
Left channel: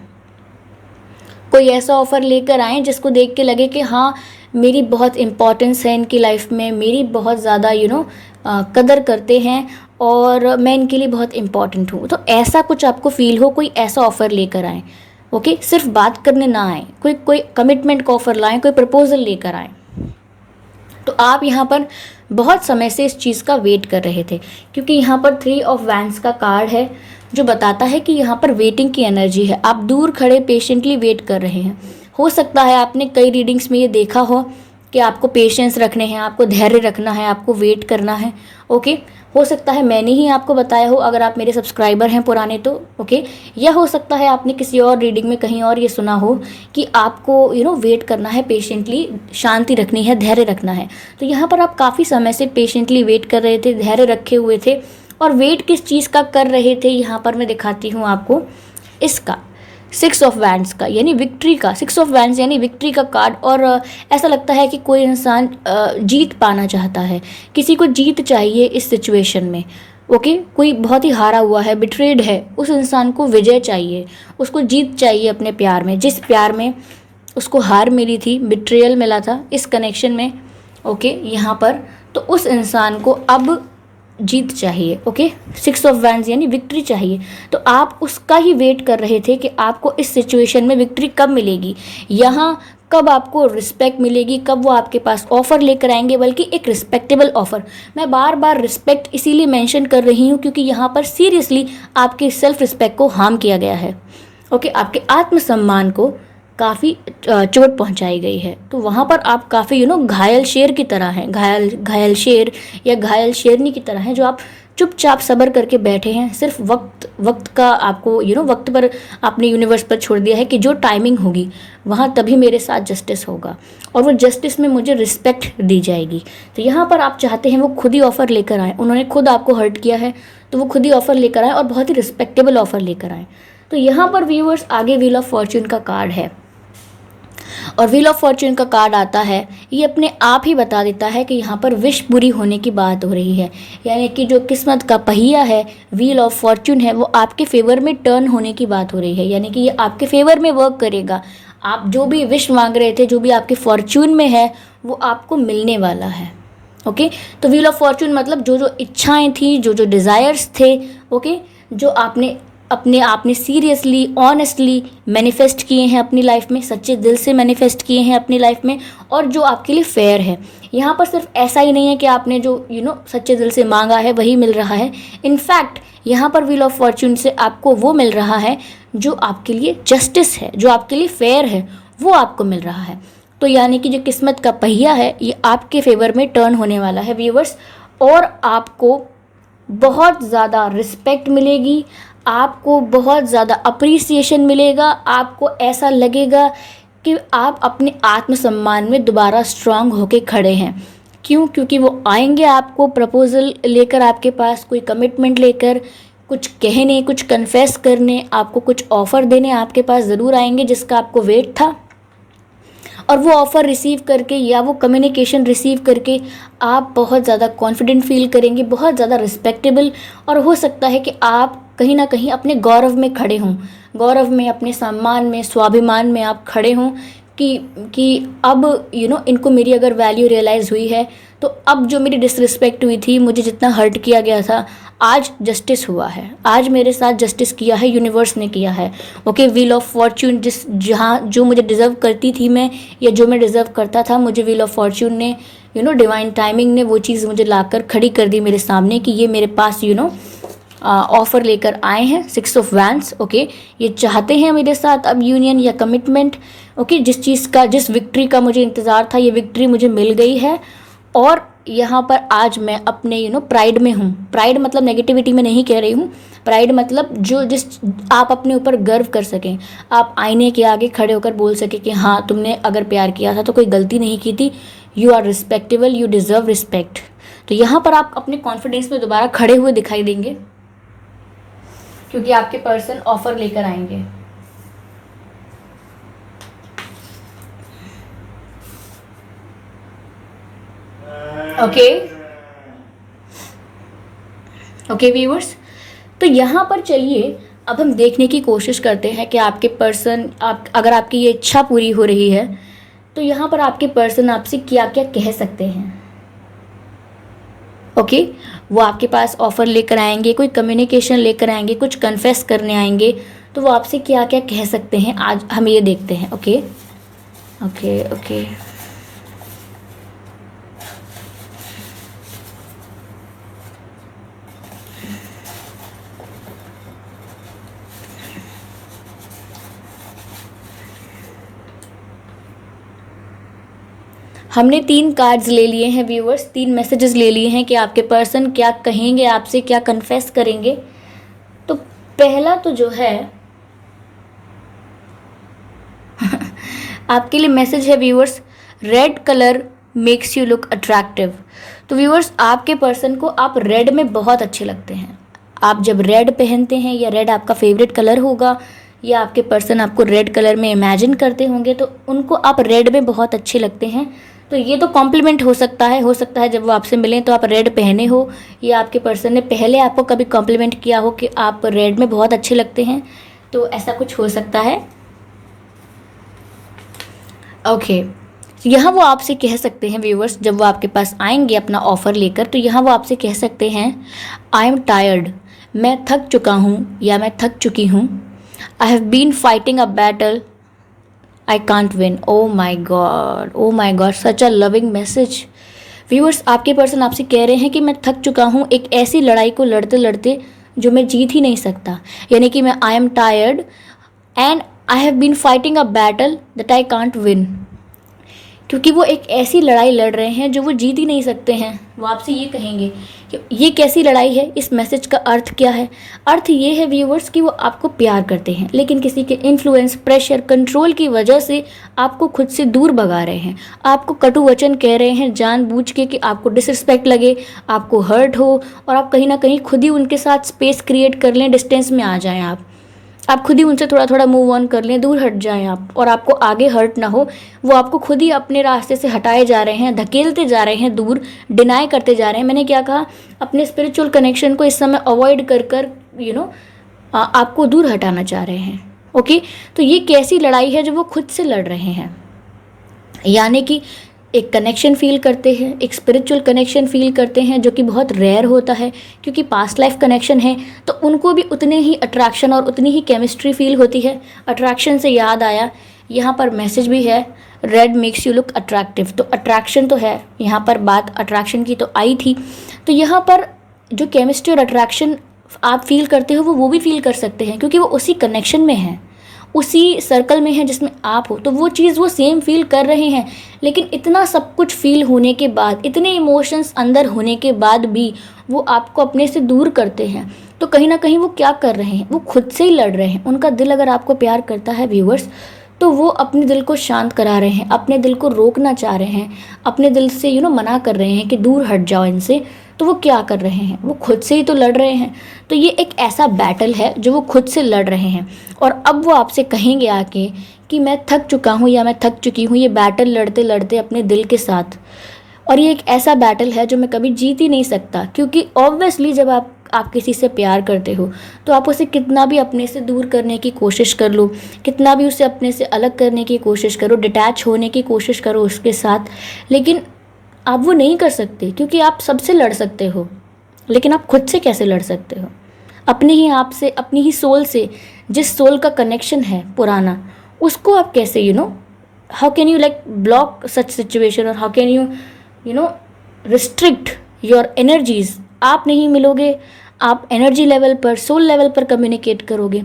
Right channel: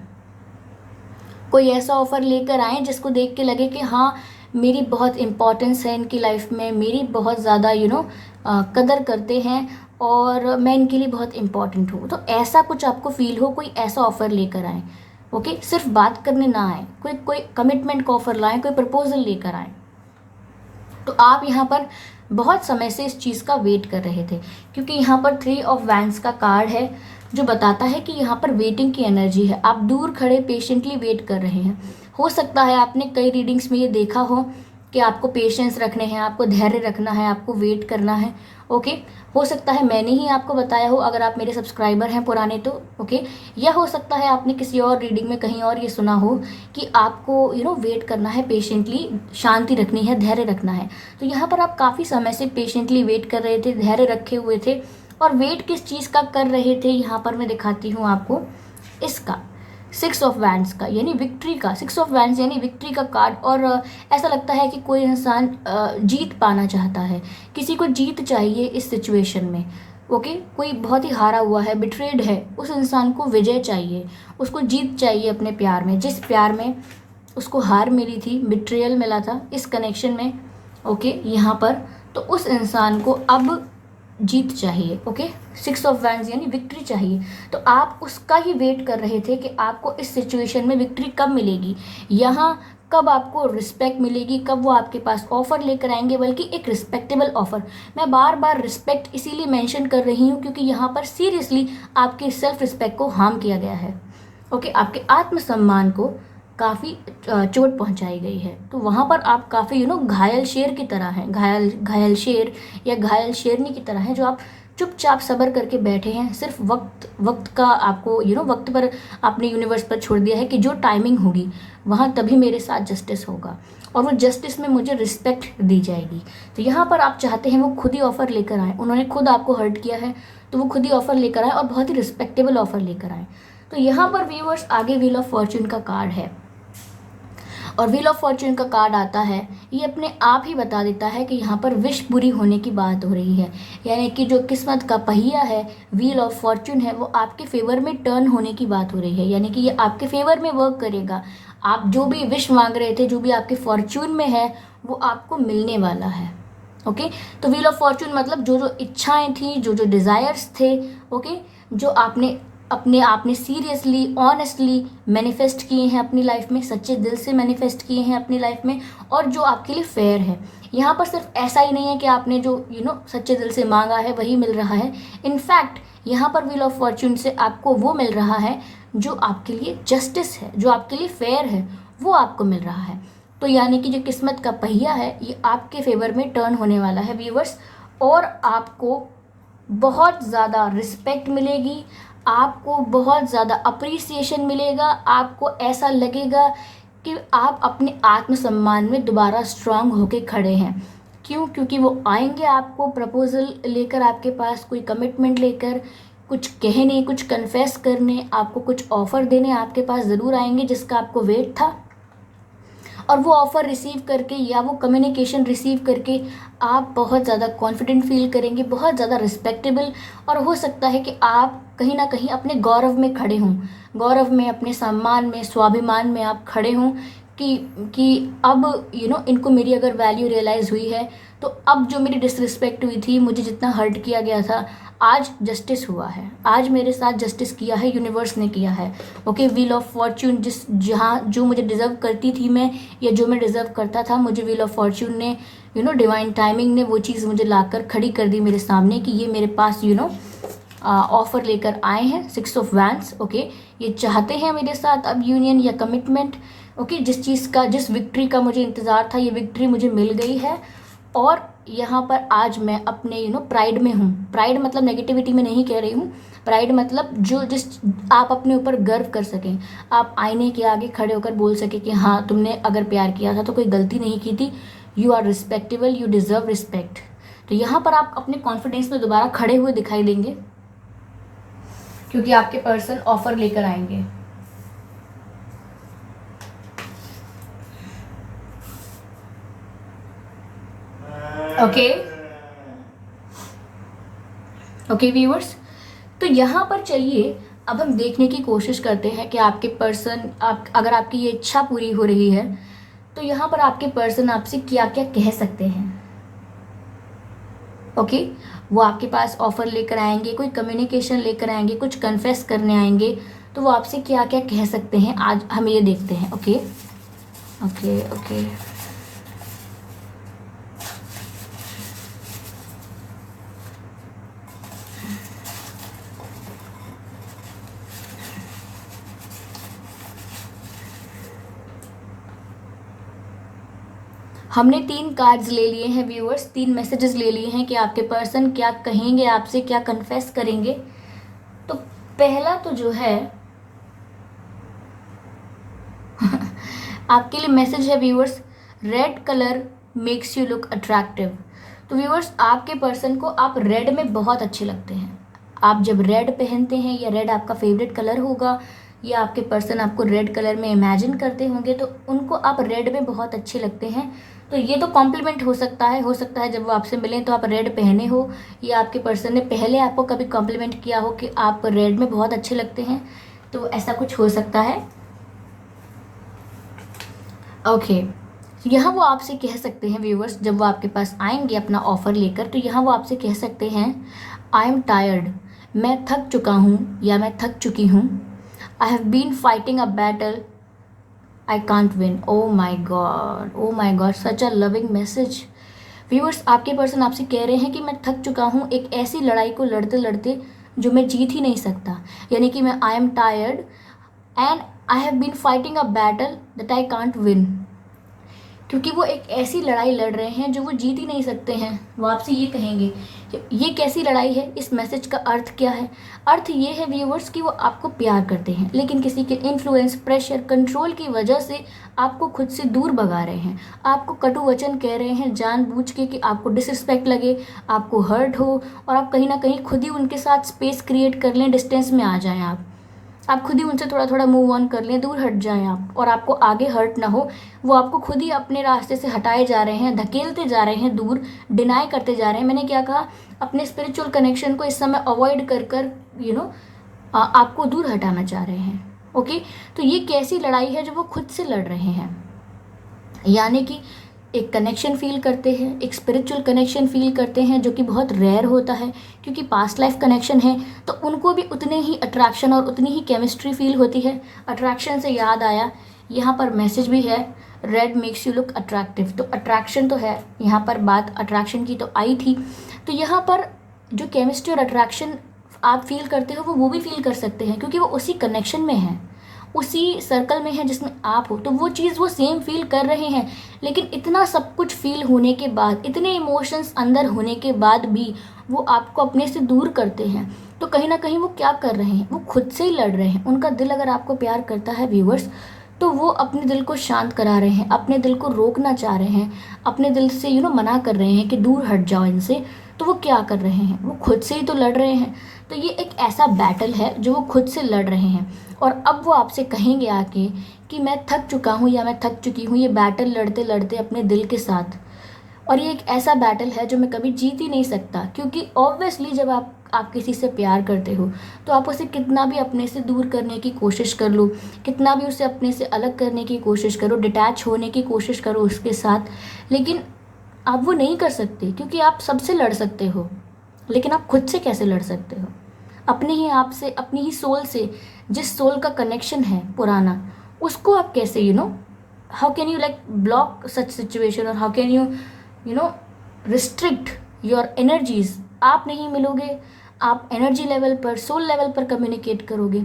कोई ऐसा ऑफ़र लेकर आएँ जिसको देख के लगे कि हाँ मेरी बहुत इम्पोर्टेंस है इनकी लाइफ में, मेरी बहुत ज़्यादा कदर करते हैं और मैं इनके लिए बहुत इम्पोर्टेंट हूँ। तो ऐसा कुछ आपको फ़ील हो, कोई ऐसा ऑफ़र लेकर आएँ। ओके, सिर्फ बात करने ना आएँ, कोई कोई कमिटमेंट का ऑफ़र लाएँ, कोई प्रपोज़ल लेकर आएँ। तो आप यहाँ पर बहुत समय से इस चीज़ का वेट कर रहे थे, क्योंकि यहाँ पर 3 ऑफ वैंड्स का कार्ड है जो बताता है कि यहाँ पर वेटिंग की एनर्जी है। आप दूर खड़े पेशेंटली वेट कर रहे हैं। हो सकता है आपने कई रीडिंग्स में ये देखा हो कि आपको पेशेंस रखने हैं, आपको धैर्य रखना है, आपको वेट करना है। ओके, हो सकता है मैंने ही आपको बताया हो अगर आप मेरे सब्सक्राइबर हैं पुराने तो। ओके, या हो सकता है आपने किसी और रीडिंग में कहीं और ये सुना हो कि आपको वेट करना है, पेशेंटली शांति रखनी है, धैर्य रखना है। तो यहाँ पर आप काफ़ी समय से पेशेंटली वेट कर रहे थे, धैर्य रखे हुए थे। और वेट किस चीज़ का कर रहे थे, यहाँ पर मैं दिखाती हूँ आपको इसका 6 ऑफ वैंड्स का, यानी विक्ट्री का। 6 ऑफ वैंड्स यानी विक्ट्री का कार्ड। और ऐसा लगता है कि कोई इंसान जीत पाना चाहता है, किसी को जीत चाहिए इस सिचुएशन में। ओके, कोई बहुत ही हारा हुआ है, बिट्रेड है, उस इंसान को विजय चाहिए, उसको जीत चाहिए अपने प्यार में। जिस प्यार में उसको हार मिली थी, बिट्रेयल मिला था इस कनेक्शन में। ओके, यहाँ पर तो उस इंसान को अब जीत चाहिए। ओके, 6 ऑफ वैंड्स यानी विक्ट्री चाहिए। तो आप उसका ही वेट कर रहे थे कि आपको इस सिचुएशन में विक्ट्री कब मिलेगी, यहाँ कब आपको रिस्पेक्ट मिलेगी, कब वो आपके पास ऑफ़र लेकर आएंगे, बल्कि एक रिस्पेक्टेबल ऑफ़र। मैं बार बार रिस्पेक्ट इसीलिए मेंशन कर रही हूँ क्योंकि यहाँ पर सीरियसली आपके सेल्फ रिस्पेक्ट को हार्म किया गया है। ओके, आपके आत्मसम्मान को काफ़ी चोट पहुंचाई गई है। तो वहाँ पर आप काफ़ी घायल शेर की तरह हैं, घायल शेर या घायल शेरनी की तरह हैं, जो आप चुपचाप सब्र करके बैठे हैं। सिर्फ वक्त का आपको वक्त पर आपने यूनिवर्स पर छोड़ दिया है कि जो टाइमिंग होगी वहाँ तभी मेरे साथ जस्टिस होगा और वो जस्टिस में मुझे रिस्पेक्ट दी जाएगी। तो यहाँ पर आप चाहते हैं वो खुद ही ऑफ़र लेकर आए। उन्होंने खुद आपको हर्ट किया है तो वो खुद ही ऑफ़र लेकर आए और बहुत ही रिस्पेक्टेबल ऑफ़र लेकर आए। तो यहाँ पर व्यूअर्स आगे व्हील ऑफ फॉर्च्यून का कार्ड है और व्हील ऑफ फॉर्च्यून का कार्ड आता है, ये अपने आप ही बता देता है कि यहाँ पर विश पूरी होने की बात हो रही है। यानी कि जो किस्मत का पहिया है, व्हील ऑफ फॉर्च्यून है, वो आपके फेवर में टर्न होने की बात हो रही है। यानी कि ये आपके फेवर में वर्क करेगा। आप जो भी विश मांग रहे थे, जो भी आपके फॉर्च्यून में है, वो आपको मिलने वाला है। ओके, तो व्हील ऑफ फॉर्च्यून मतलब जो जो इच्छाएं थी, जो जो डिज़ायर्स थे, ओके, जो आपने सीरियसली ऑनेस्टली मैनिफेस्ट किए हैं अपनी लाइफ में, सच्चे दिल से मैनिफेस्ट किए हैं अपनी लाइफ में, और जो आपके लिए फेयर है। यहाँ पर सिर्फ ऐसा ही नहीं है कि आपने जो सच्चे दिल से मांगा है वही मिल रहा है। इनफैक्ट यहाँ पर व्हील ऑफ फॉर्च्यून से आपको वो मिल रहा है जो आपके लिए जस्टिस है, जो आपके लिए फेयर है, वो आपको मिल रहा है। तो यानी कि जो किस्मत का पहिया है ये आपके फेवर में टर्न होने वाला है व्यूअर्स, और आपको बहुत ज़्यादा रिस्पेक्ट मिलेगी, आपको बहुत ज़्यादा अप्रिसिएशन मिलेगा। आपको ऐसा लगेगा कि आप अपने आत्मसम्मान में दोबारा स्ट्रांग होके खड़े हैं। क्यों? क्योंकि वो आएंगे आपको प्रपोज़ल लेकर, आपके पास कोई कमिटमेंट लेकर, कुछ कहने, कुछ कन्फेस करने, आपको कुछ ऑफ़र देने आपके पास ज़रूर आएंगे जिसका आपको वेट था। और वो ऑफ़र रिसीव करके या वो कम्युनिकेशन रिसीव करके आप बहुत ज़्यादा कॉन्फिडेंट फील करेंगे, बहुत ज़्यादा रिस्पेक्टेबल। और हो सकता है कि आप कहीं ना कहीं अपने गौरव में खड़े हों, गौरव में, अपने सम्मान में, स्वाभिमान में आप खड़े हों कि अब इनको मेरी अगर वैल्यू रियलाइज़ हुई है तो अब जो मेरी डिसरिस्पेक्ट हुई थी, मुझे जितना हर्ट किया गया था, आज जस्टिस हुआ है, आज मेरे साथ जस्टिस किया है, यूनिवर्स ने किया है। ओके, व्हील ऑफ फॉर्च्यून जहाँ जो मुझे डिज़र्व करती थी मैं, या जो मैं डिज़र्व करता था, मुझे व्हील ऑफ फॉर्च्यून ने डिवाइन टाइमिंग ने वो चीज़ मुझे लाकर खड़ी कर दी मेरे सामने कि ये मेरे पास ऑफ़र लेकर आए हैं 6 ऑफ वैंड्स। ओके, ये चाहते हैं मेरे साथ अब यूनियन या कमिटमेंट। ओके, जिस विक्ट्री का मुझे इंतज़ार था, ये विक्ट्री मुझे मिल गई है। और यहाँ पर आज मैं अपने प्राइड में हूँ। प्राइड मतलब नेगेटिविटी में नहीं कह रही हूँ, प्राइड मतलब जिस आप अपने ऊपर गर्व कर सकें, आप आईने के आगे खड़े होकर बोल सकें कि हाँ, तुमने अगर प्यार किया था तो कोई गलती नहीं की थी, you are respectable, you deserve respect. तो यहाँ पर आप अपने कॉन्फिडेंस में दोबारा खड़े हुए दिखाई देंगे क्योंकि आपके पर्सन ऑफ़र लेकर आएंगे। ओके ओके व्यूअर्स, तो यहाँ पर चलिए अब हम देखने की कोशिश करते हैं कि आपके पर्सन, आप अगर आपकी ये इच्छा पूरी हो रही है तो यहाँ पर आपके पर्सन आपसे क्या क्या कह सकते हैं। ओके वो आपके पास ऑफर लेकर आएंगे, कोई कम्युनिकेशन लेकर आएंगे, कुछ कन्फेस करने आएंगे, तो वो आपसे क्या क्या कह सकते हैं आज हम ये देखते हैं। ओके ओके ओके हमने 3 कार्ड्स ले लिए हैं व्यूअर्स, 3 मैसेजेस ले लिए हैं कि आपके पर्सन क्या कहेंगे आपसे, क्या कन्फेस करेंगे। तो पहला तो जो है आपके लिए मैसेज है viewers, red colour makes you look attractive. तो व्यूअर्स आपके पर्सन को आप रेड में बहुत अच्छे लगते हैं। आप जब रेड पहनते हैं या रेड आपका फेवरेट कलर होगा या आपके पर्सन आपको रेड कलर में इमेजिन करते होंगे तो उनको आप रेड में बहुत अच्छे लगते हैं। तो ये तो कॉम्प्लीमेंट हो सकता है जब वो आपसे मिलें तो आप रेड पहने हो या आपके पर्सन ने पहले आपको कभी कॉम्प्लीमेंट किया हो कि आप रेड में बहुत अच्छे लगते हैं, तो ऐसा कुछ हो सकता है। ओके यहाँ वो आपसे कह सकते हैं व्यूअर्स, जब वो आपके पास आएंगे अपना ऑफ़र लेकर, तो यहाँ वो आपसे कह सकते हैं आई एम टायर्ड, मैं थक चुका हूँ या मैं थक चुकी हूँ। I have been fighting a battle I can't win. Oh my God, such a loving message. Viewers आपके पर्सन आपसे कह रहे हैं कि मैं थक चुका हूँ एक ऐसी लड़ाई को लड़ते लड़ते जो मैं जीत ही नहीं सकता, यानी कि मैं I am tired and I have been fighting a battle that I can't win. क्योंकि वो एक ऐसी लड़ाई लड़ रहे हैं जो वो जीत ही नहीं सकते हैं। वो आपसे ये कहेंगे कि ये कैसी लड़ाई है, इस मैसेज का अर्थ क्या है। अर्थ ये है व्यूअर्स कि वो आपको प्यार करते हैं लेकिन किसी के इन्फ्लुएंस, प्रेशर, कंट्रोल की वजह से आपको खुद से दूर भगा रहे हैं। आपको कटु वचन कह रहे हैं जानबूझ के कि आपको डिसरिस्पेक्ट लगे, आपको हर्ट हो और आप कहीं ना कहीं खुद ही उनके साथ स्पेस क्रिएट कर लें, डिस्टेंस में आ जाएं। आप खुद ही उनसे थोड़ा थोड़ा मूव ऑन कर लें, दूर हट जाएं आप, और आपको आगे हर्ट ना हो। वो आपको खुद ही अपने रास्ते से हटाए जा रहे हैं, धकेलते जा रहे हैं दूर, डिनाई करते जा रहे हैं। मैंने क्या कहा, अपने स्पिरिचुअल कनेक्शन को इस समय अवॉइड कर कर आपको दूर हटाना चाह रहे हैं। ओके तो ये कैसी लड़ाई है जो वो खुद से लड़ रहे हैं, यानी कि एक कनेक्शन फील करते हैं, एक स्पिरिचुअल कनेक्शन फील करते हैं जो कि बहुत रेयर होता है, क्योंकि पास्ट लाइफ कनेक्शन है तो उनको भी उतने ही अट्रैक्शन और उतनी ही केमिस्ट्री फील होती है। अट्रैक्शन से याद आया, यहाँ पर मैसेज भी है red makes you look attractive. तो अट्रैक्शन तो है, यहाँ पर बात अट्रैक्शन की तो आई थी, तो यहाँ पर जो केमिस्ट्री और अट्रैक्शन आप फील करते हो वो भी फील कर सकते हैं, क्योंकि वो उसी कनेक्शन में हैं, उसी सर्कल में है जिसमें आप हो, तो वो चीज़ वो सेम फील कर रहे हैं। लेकिन इतना सब कुछ फील होने के बाद, इतने इमोशंस अंदर होने के बाद भी वो आपको अपने से दूर करते हैं। तो कहीं ना कहीं वो क्या कर रहे हैं, वो खुद से ही लड़ रहे हैं। उनका दिल अगर आपको प्यार करता है व्यूअर्स, तो वो अपने दिल को शांत करा रहे हैं, अपने दिल को रोकना चाह रहे हैं, अपने दिल से मना कर रहे हैं कि दूर हट जाओ इनसे। तो वो क्या कर रहे हैं, वो खुद से ही तो लड़ रहे हैं। तो ये एक ऐसा बैटल है जो वो खुद से लड़ रहे हैं, और अब वो आपसे कहेंगे आके कि मैं थक चुका हूँ या मैं थक चुकी हूँ ये बैटल लड़ते लड़ते अपने दिल के साथ। और ये एक ऐसा बैटल है जो मैं कभी जीत ही नहीं सकता, क्योंकि ऑब्वियसली जब आप किसी से प्यार करते हो तो आप उसे कितना भी अपने से दूर करने की कोशिश कर लो, कितना भी उसे अपने से अलग करने की कोशिश करो, डिटैच होने की कोशिश करो उसके साथ, लेकिन आप वो नहीं कर सकते। क्योंकि आप सबसे लड़ सकते हो, लेकिन आप खुद से कैसे लड़ सकते हो, अपने ही आप से, अपनी ही सोल से। जिस सोल का कनेक्शन है पुराना, उसको आप कैसे how can you block such situation, और how can you restrict your energies. आप नहीं मिलोगे, आप एनर्जी लेवल पर, सोल लेवल पर कम्युनिकेट करोगे,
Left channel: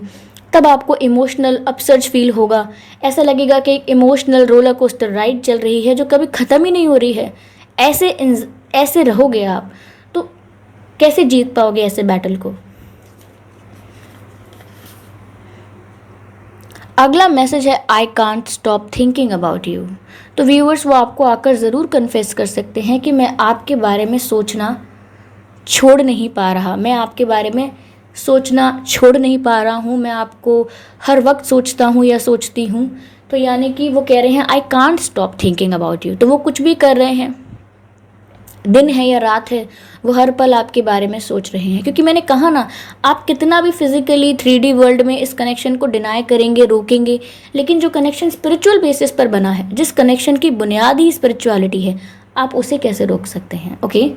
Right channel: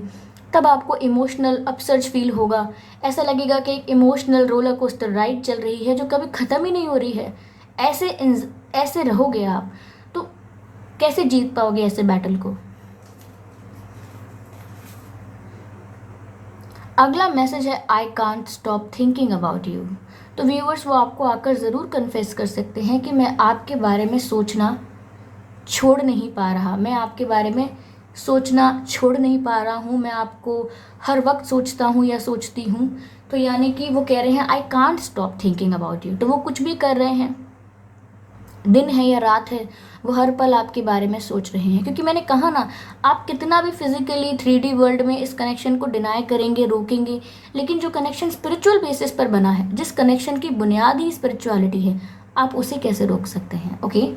तब आपको इमोशनल अपसर्ज फील होगा। ऐसा लगेगा कि एक इमोशनल रोलर कोस्टर राइड चल रही है जो कभी ख़त्म ही नहीं हो रही है। ऐसे रहोगे आप तो कैसे जीत पाओगे ऐसे बैटल को। अगला मैसेज है I can't stop thinking about you. तो व्यूअर्स वो आपको आकर ज़रूर कन्फेस कर सकते हैं कि मैं आपके बारे में सोचना छोड़ नहीं पा रहा, मैं आपके बारे में सोचना छोड़ नहीं पा रहा हूँ, मैं आपको हर वक्त सोचता हूँ या सोचती हूँ। तो यानी कि वो कह रहे हैं I can't stop thinking about you. तो वो कुछ भी कर रहे हैं, दिन है या रात है, वो हर पल आपके बारे में सोच रहे हैं। क्योंकि मैंने कहा ना, आप कितना भी फिजिकली 3D वर्ल्ड में इस कनेक्शन को डिनाई करेंगे, रोकेंगे, लेकिन जो कनेक्शन स्पिरिचुअल बेसिस पर बना है, जिस कनेक्शन की बुनियाद ही स्पिरिचुअलिटी है, आप उसे कैसे रोक सकते हैं। ओके,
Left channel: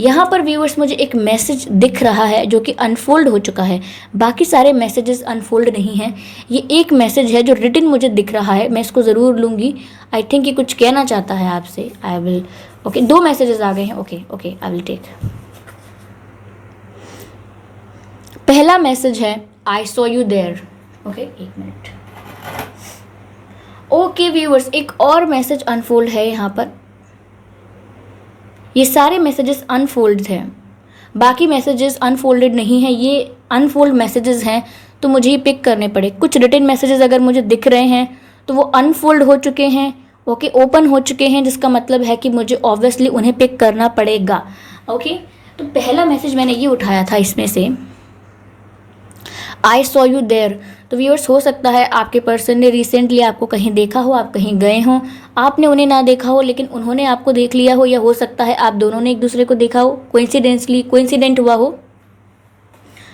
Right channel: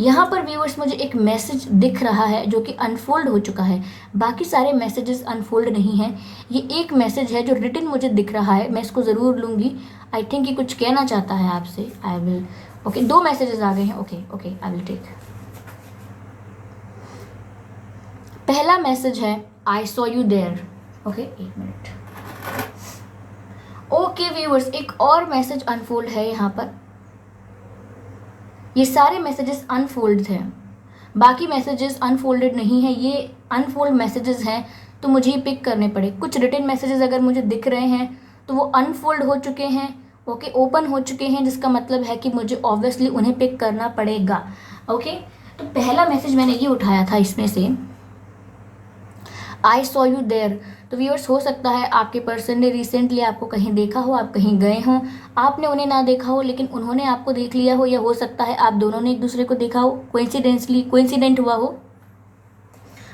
यहाँ पर व्यूअर्स मुझे एक मैसेज दिख रहा है जो कि अनफोल्ड हो चुका है। बाकी सारे मैसेजेस अनफोल्ड नहीं हैं, ये एक मैसेज है जो रिटन मुझे दिख रहा है, मैं इसको ज़रूर लूँगी। आई थिंक ये कुछ कहना चाहता है आपसे। आई विल, ओके, 2 मैसेजेस आ गए हैं। Okay okay, I will take. पहला मैसेज है I saw you there. Okay, 1 minute. Okay viewers, एक और मैसेज अनफोल्ड है यहाँ पर। ये सारे मैसेजेस अनफोल्ड थे, बाकी मैसेजेस अनफोल्डेड नहीं है, ये अनफोल्ड मैसेजेस हैं, तो मुझे ये पिक करने पड़े। कुछ रिटन मैसेजेस अगर मुझे दिख रहे हैं तो वो अनफोल्ड हो चुके हैं, ओके, ओपन हो चुके हैं, जिसका मतलब है कि मुझे ऑब्वियसली उन्हें पिक करना पड़ेगा। ओके, तो पहला मैसेज मैंने ये उठाया था इसमें से, आई सॉ यू देयर। तो व्यूअर्स, हो सकता है आपके पर्सन ने रिसेंटली आपको कहीं देखा हो, आप कहीं गए हों, आपने उन्हें ना देखा हो लेकिन उन्होंने आपको देख लिया हो, या हो सकता है आप दोनों ने एक दूसरे को देखा हो, कोइंसिडेंट हुआ हो।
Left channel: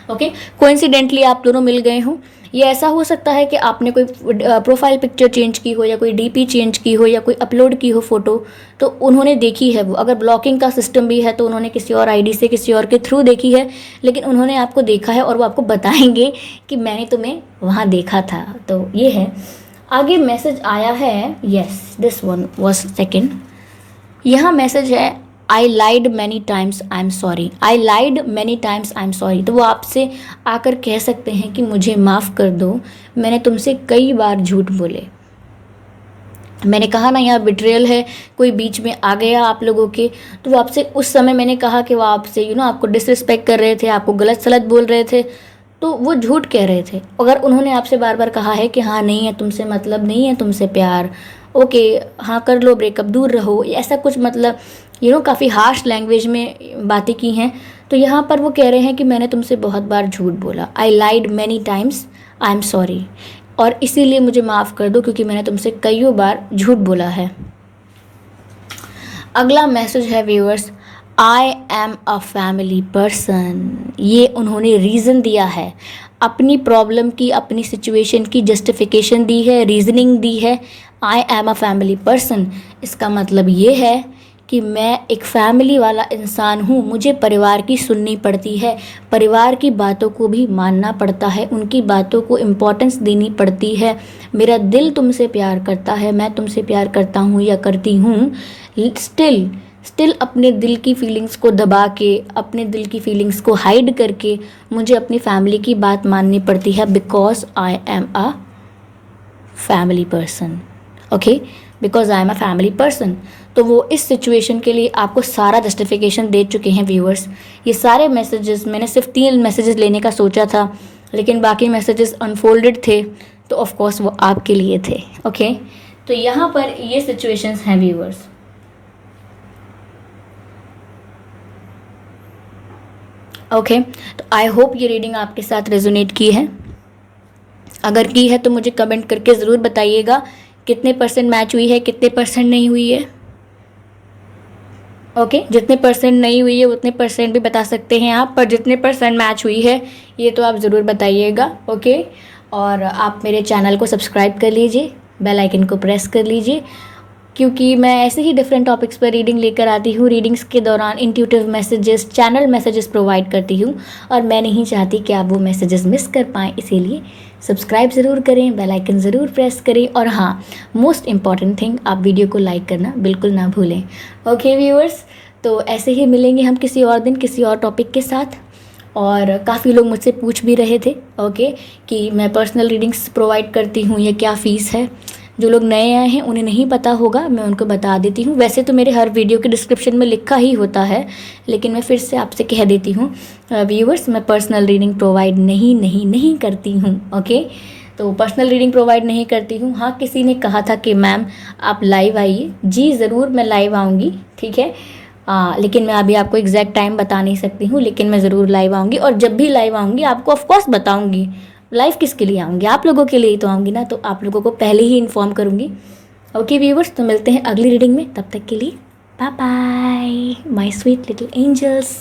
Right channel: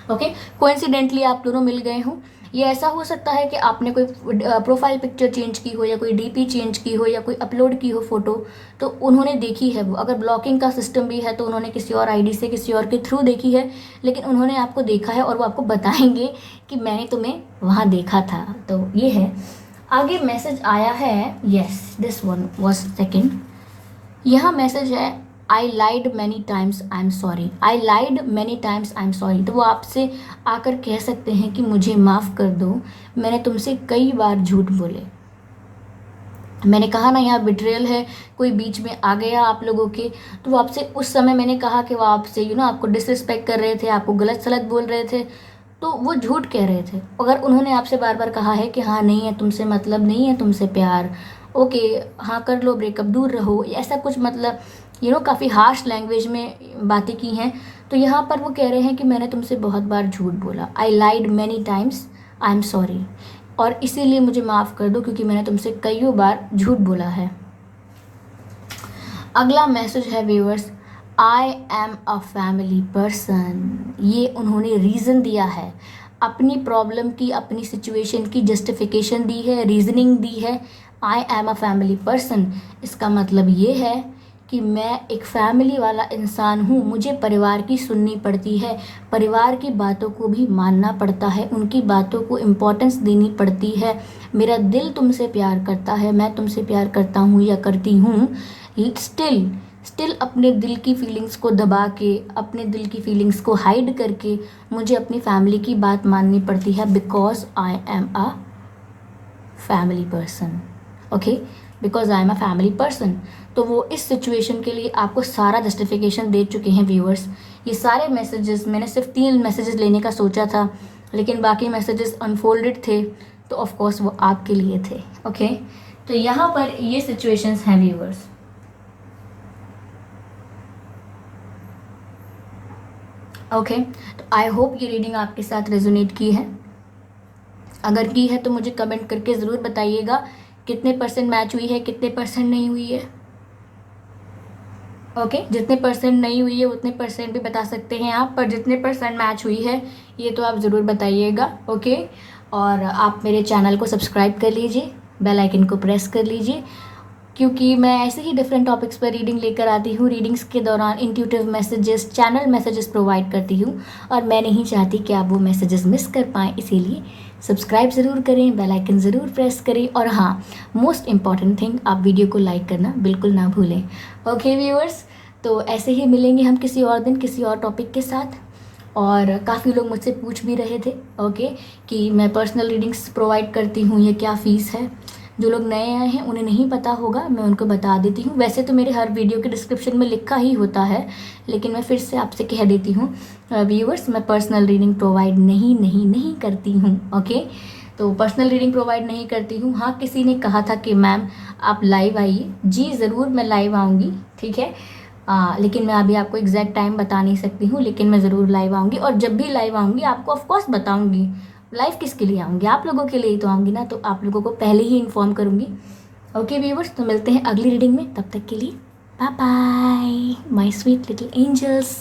ओके, कोइंसिडेंटली आप दोनों मिल गए हों। ये ऐसा हो सकता है कि आपने कोई प्रोफाइल पिक्चर चेंज की हो, या कोई डीपी चेंज की हो, या कोई अपलोड की हो फ़ोटो, तो उन्होंने देखी है वो। अगर ब्लॉकिंग का सिस्टम भी है तो उन्होंने किसी और आईडी से, किसी और के थ्रू देखी है, लेकिन उन्होंने आपको देखा है और वो आपको बताएंगे कि मैंने तुम्हें वहाँ देखा था। तो ये है। आगे मैसेज आया है, yes this one was second. यहाँ मैसेज है I lied many times I am sorry. I lied many times I am sorry. तो वो आपसे आकर कह सकते हैं कि मुझे माफ़ कर दो, मैंने तुमसे कई बार झूठ बोले। मैंने कहा ना, यहाँ बिट्रेयल है, कोई बीच में आ गया आप लोगों के, तो वो आपसे उस समय मैंने कहा कि वो आपसे आपको डिसरिस्पेक्ट कर रहे थे, आपको गलत सलत बोल रहे थे, तो वो झूठ कह रहे थे। अगर उन्होंने आपसे बार बार कहा है कि हाँ नहीं है तुमसे मतलब, नहीं है तुमसे प्यार, ओके हाँ कर लो ब्रेकअप, दूर रहो, ऐसा कुछ मतलब काफ़ी हार्श लैंग्वेज में बातें की हैं, तो यहाँ पर वो कह रहे हैं कि मैंने तुमसे बहुत बार झूठ बोला। I lied many times I am sorry, और इसीलिए मुझे माफ़ कर दो क्योंकि मैंने तुमसे कईयों बार झूठ बोला है। अगला मैसेज है viewers, I am a family person. ये उन्होंने रीज़न दिया है, अपनी प्रॉब्लम की, अपनी सिचुएशन की जस्टिफिकेशन दी है, रीजनिंग दी है। I am a family person, इसका मतलब ये है कि मैं एक फैमिली वाला इंसान हूँ, मुझे परिवार की सुननी पड़ती है, परिवार की बातों को भी मानना पड़ता है, उनकी बातों को इम्पोर्टेंस देनी पड़ती है। मेरा दिल तुमसे प्यार करता है, मैं तुमसे प्यार करता हूँ या करती हूँ, स्टिल अपने दिल की फीलिंग्स को दबा के, अपने दिल की फीलिंग्स को हाइड करके मुझे अपनी फैमिली की बात माननी पड़ती है, because I am a family person. Okay, because I am a family person. तो वो इस सिचुएशन के लिए आपको सारा जस्टिफिकेशन दे चुके हैं व्यूअर्स। ये सारे मैसेजेस, मैंने सिर्फ 3 मैसेजेस लेने का सोचा था, लेकिन बाकी मैसेजेस अनफोल्डेड थे, तो ऑफ कोर्स वो आपके लिए थे। ओके, तो यहाँ पर ये सिचुएशंस हैं व्यूअर्स। ओके, तो आई होप ये रीडिंग आपके साथ रेजोनेट की है। अगर की है तो मुझे कमेंट करके ज़रूर बताइएगा कितने % मैच हुई है, कितने % नहीं हुई है। ओके, जितने % नहीं हुई है उतने % भी बता सकते हैं आप, पर जितने % मैच हुई है ये तो आप ज़रूर बताइएगा। ओके, और आप मेरे चैनल को सब्सक्राइब कर लीजिए, बेल आइकन को प्रेस कर लीजिए, क्योंकि मैं ऐसे ही डिफरेंट टॉपिक्स पर रीडिंग लेकर आती हूँ। रीडिंग्स के दौरान intuitive messages, channel messages provide करती हूँ, और मैं नहीं चाहती कि आप वो मैसेजेस मिस कर पाएँ, इसीलिए सब्सक्राइब ज़रूर करें, बेल आइकन ज़रूर प्रेस करें, और हाँ, मोस्ट इम्पॉर्टेंट थिंग, आप वीडियो को लाइक करना बिल्कुल ना भूलें। ओके व्यूअर्स, तो ऐसे ही मिलेंगे हम किसी और दिन किसी और टॉपिक के साथ। और काफ़ी लोग मुझसे पूछ भी रहे थे ओके कि मैं पर्सनल रीडिंग्स प्रोवाइड करती हूँ, या क्या फ़ीस है। जो लोग नए आए हैं उन्हें नहीं पता होगा, मैं उनको बता देती हूँ। वैसे तो मेरे हर वीडियो के डिस्क्रिप्शन में लिखा ही होता है, लेकिन मैं फिर से आपसे कह देती हूँ व्यूअर्स, मैं पर्सनल रीडिंग प्रोवाइड नहीं करती हूँ। ओके, तो पर्सनल रीडिंग प्रोवाइड नहीं करती हूँ। हाँ, किसी ने कहा था कि मैम आप लाइव आइए, जी ज़रूर मैं लाइव आऊँगी, ठीक है। लेकिन मैं अभी आपको एग्जैक्ट टाइम बता नहीं सकती हूँ, लेकिन मैं ज़रूर लाइव आऊँगी, और जब भी लाइव आऊँगी आपको ऑफकोर्स बताऊँगी। लाइव किसके लिए आऊँगी, आप लोगों के लिए ही तो आऊँगी ना, तो आप लोगों को पहले ही इन्फॉर्म करूँगी। ओके व्यूवर्स, तो मिलते हैं अगली रीडिंग में, तब तक के लिए bye bye my sweet little angels.